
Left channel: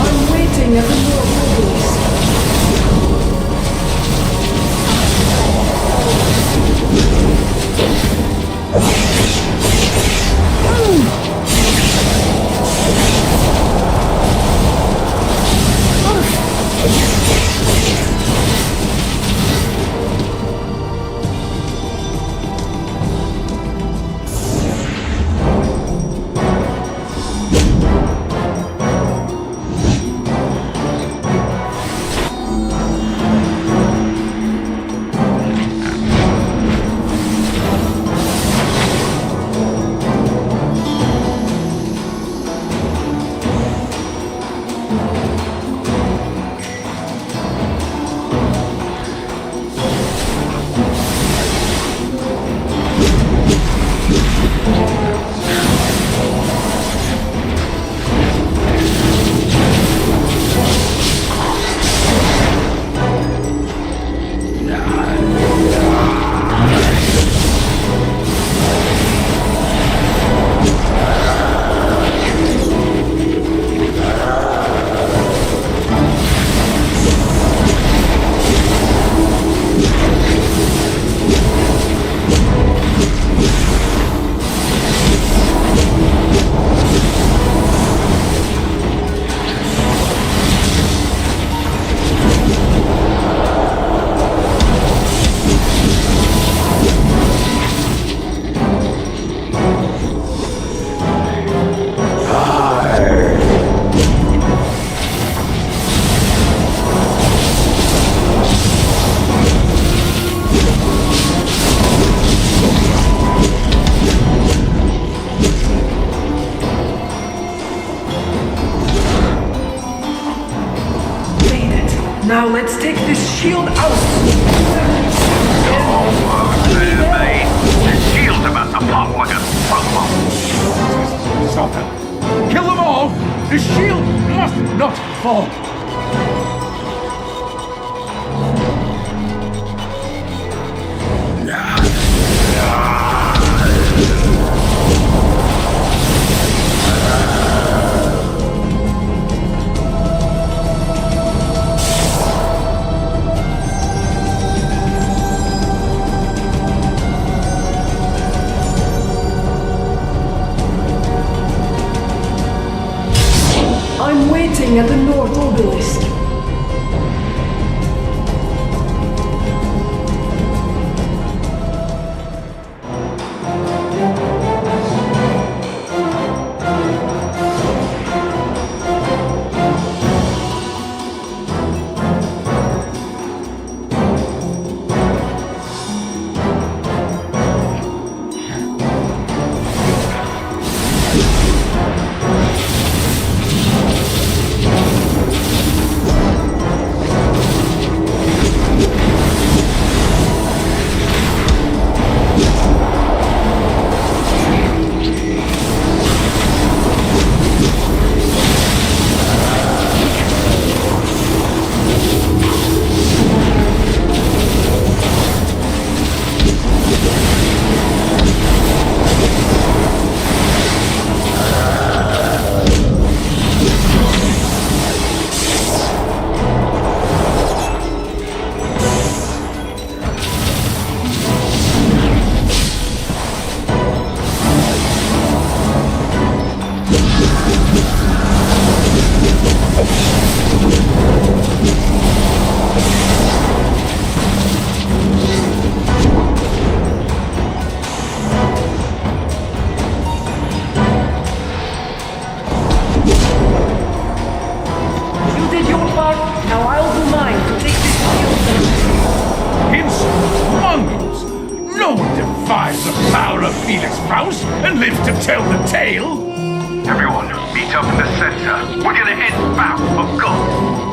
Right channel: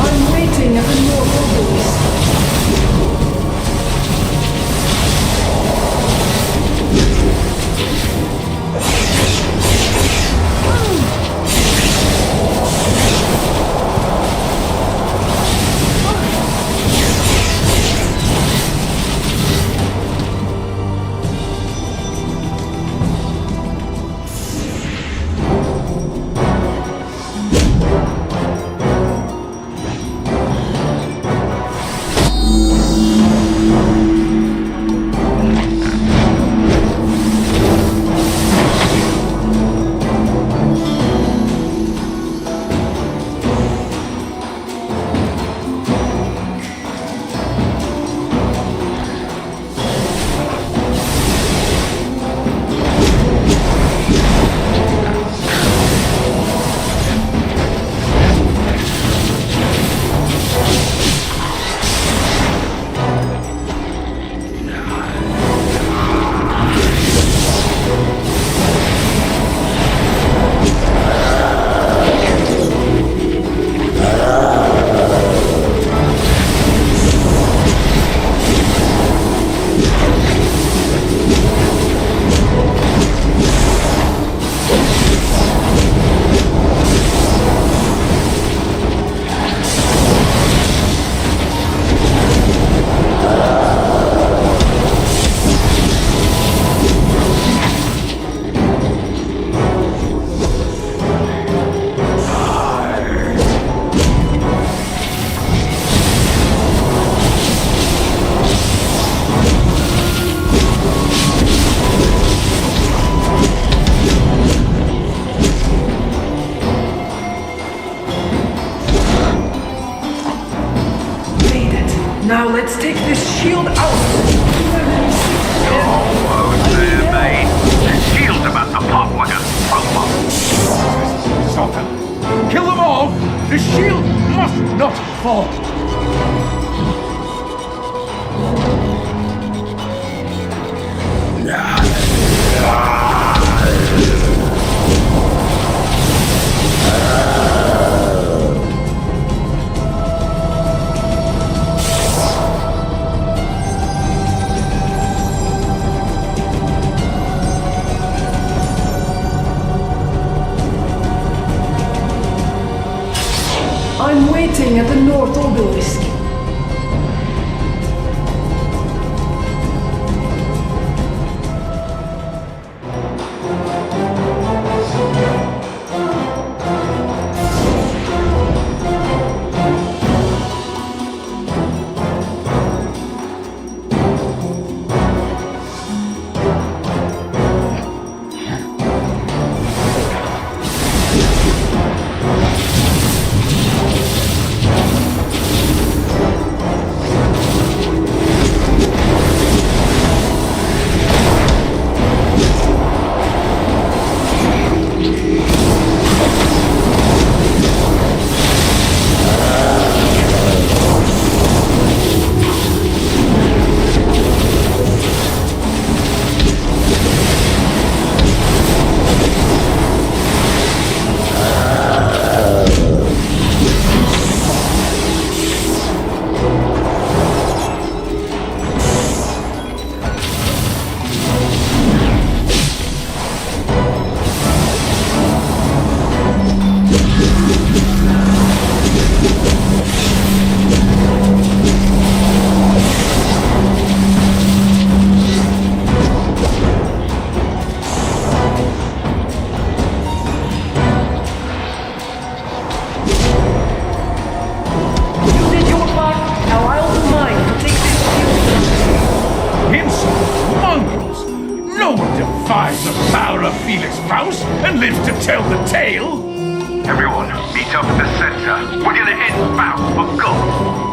I'm waiting at the North Obelisk. Now let's take this shield out! You're almost there, mate. The shield's about to pop like a smoke bomb. Stop them! Kill them all! The shield must not fall! I'm waiting at the North Obelisk. part, now I'll do mine to take this field to insolent mongrels! No one defies the power of Felix Faust and lives to tell the tale! Everyone, meet up in the center. We're gonna end Faust for good.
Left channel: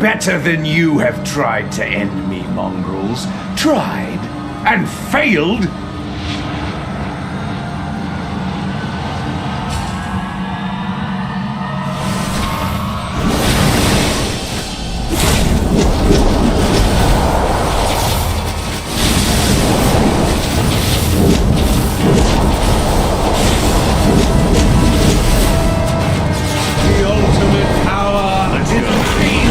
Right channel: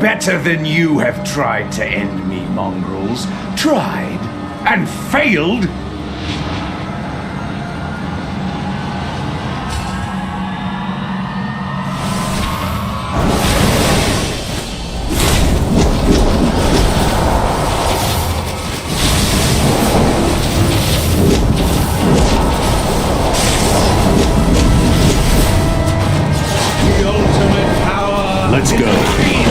Better than you have tried to end me, mongrels. Tried and failed. The ultimate power is pain.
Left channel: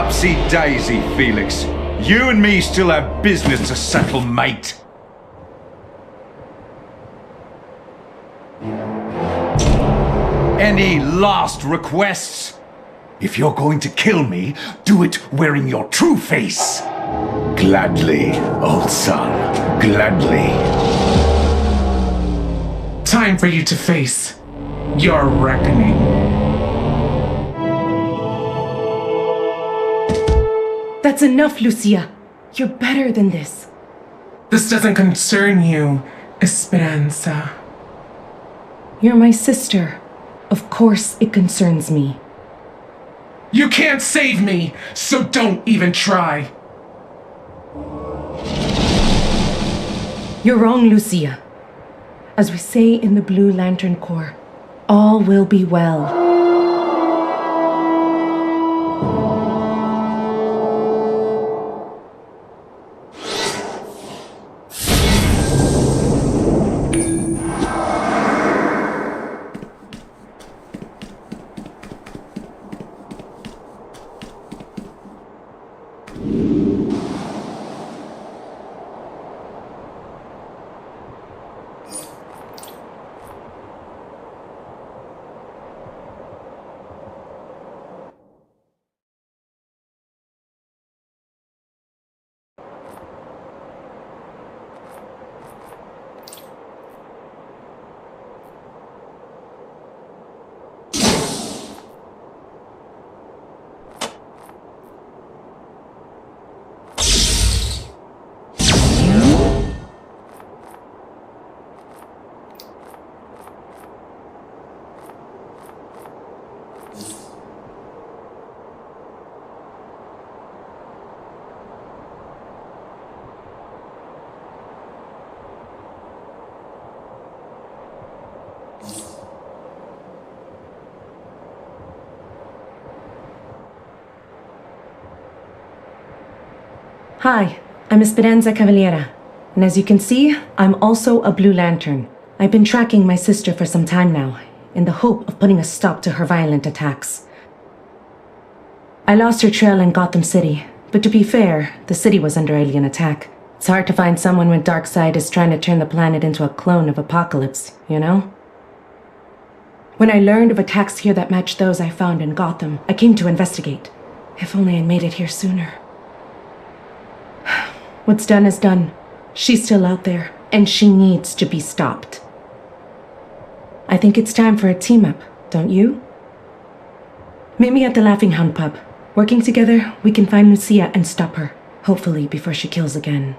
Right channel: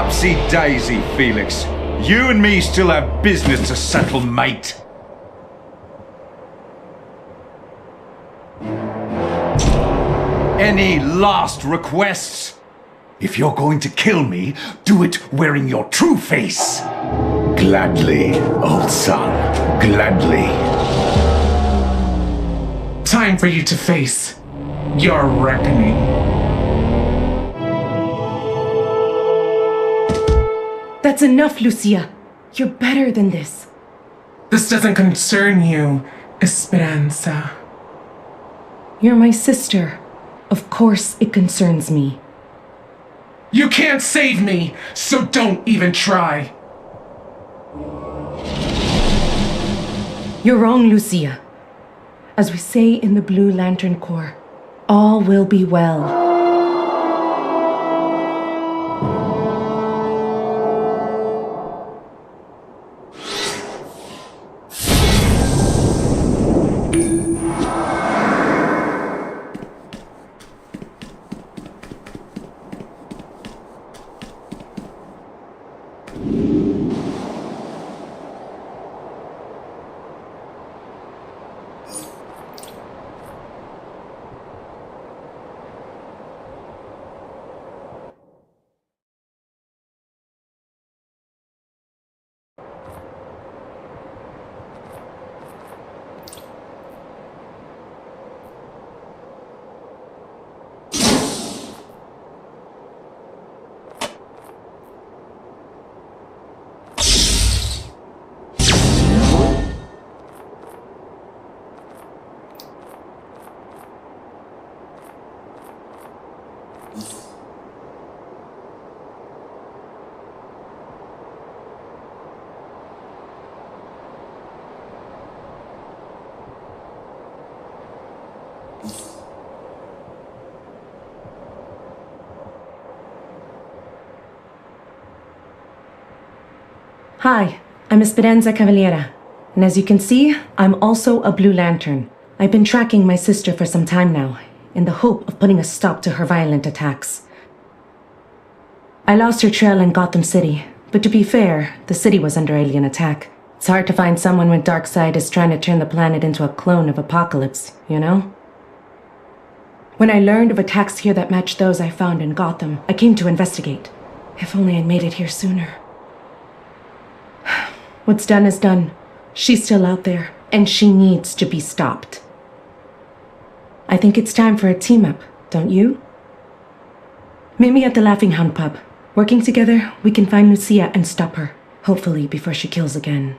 Upsy-daisy, Felix. You and me still have business to settle, mate. Any last requests? If you're going to kill me, do it wearing your true face. Gladly, old son. Gladly. Time for you to face your reckoning. That's enough, Lucia. You're better than this. This doesn't concern you, Esperanza. You're my sister. Of course it concerns me. You can't save me, so don't even try. You're wrong, Lucia. As we say in the Blue Lantern Corps, all will be well. Hi, I'm Esperanza Cavaliera, and as you can see, I'm also a Blue Lantern. I've been tracking my sister for some time now, in the hope of putting a stop to her violent attacks. I lost her trail in Gotham City, but to be fair, the city was under alien attack. It's hard to find someone when Darkseid is trying to turn the planet into a clone of Apocalypse, you know? When I learned of attacks here that matched those I found in Gotham, I came to investigate. If only I'd made it here sooner. What's done is done. She's still out there, and she needs to be stopped. I think it's time for a team-up, don't you? Meet me at the Laughing Hound pub. Working together, we can find Lucia and stop her. Hopefully before she kills again.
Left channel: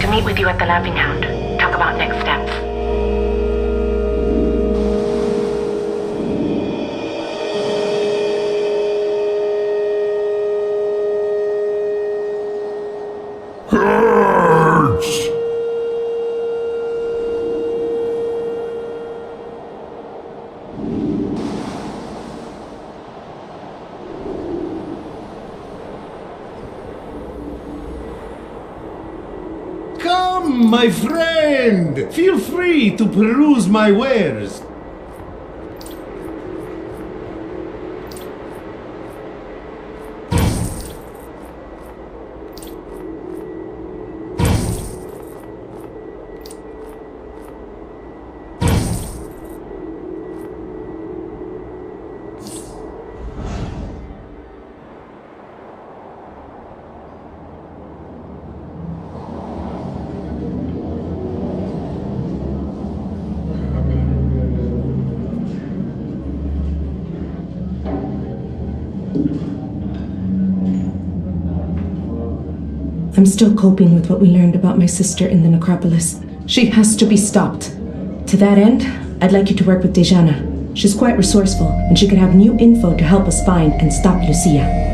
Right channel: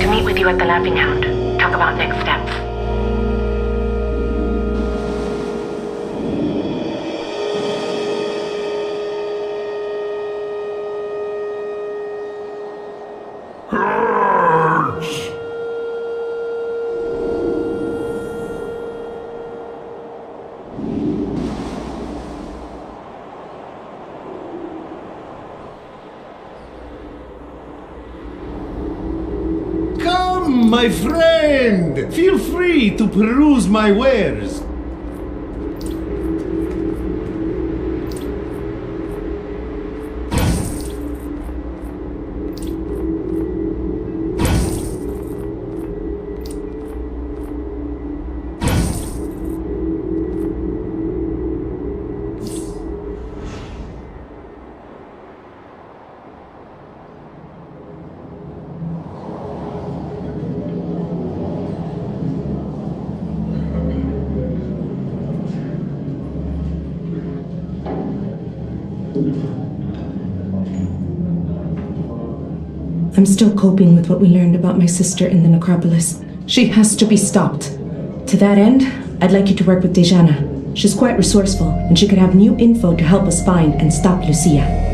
To meet with you at the Laughing Hound. Talk about next steps. My friend! Feel free to peruse my wares. I'm still coping with what we learned about my sister in the necropolis. She has to be stopped. To that end, I'd like you to work with Dejana. She's quite resourceful, and she could have new info to help us find and stop Lucia.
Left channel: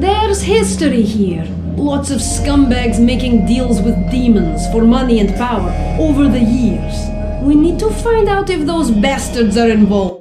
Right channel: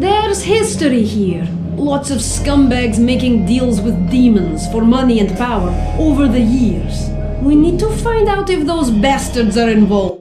There's history here. Lots of scumbags making deals with demons for money and power over the years. We need to find out if those bastards are involved.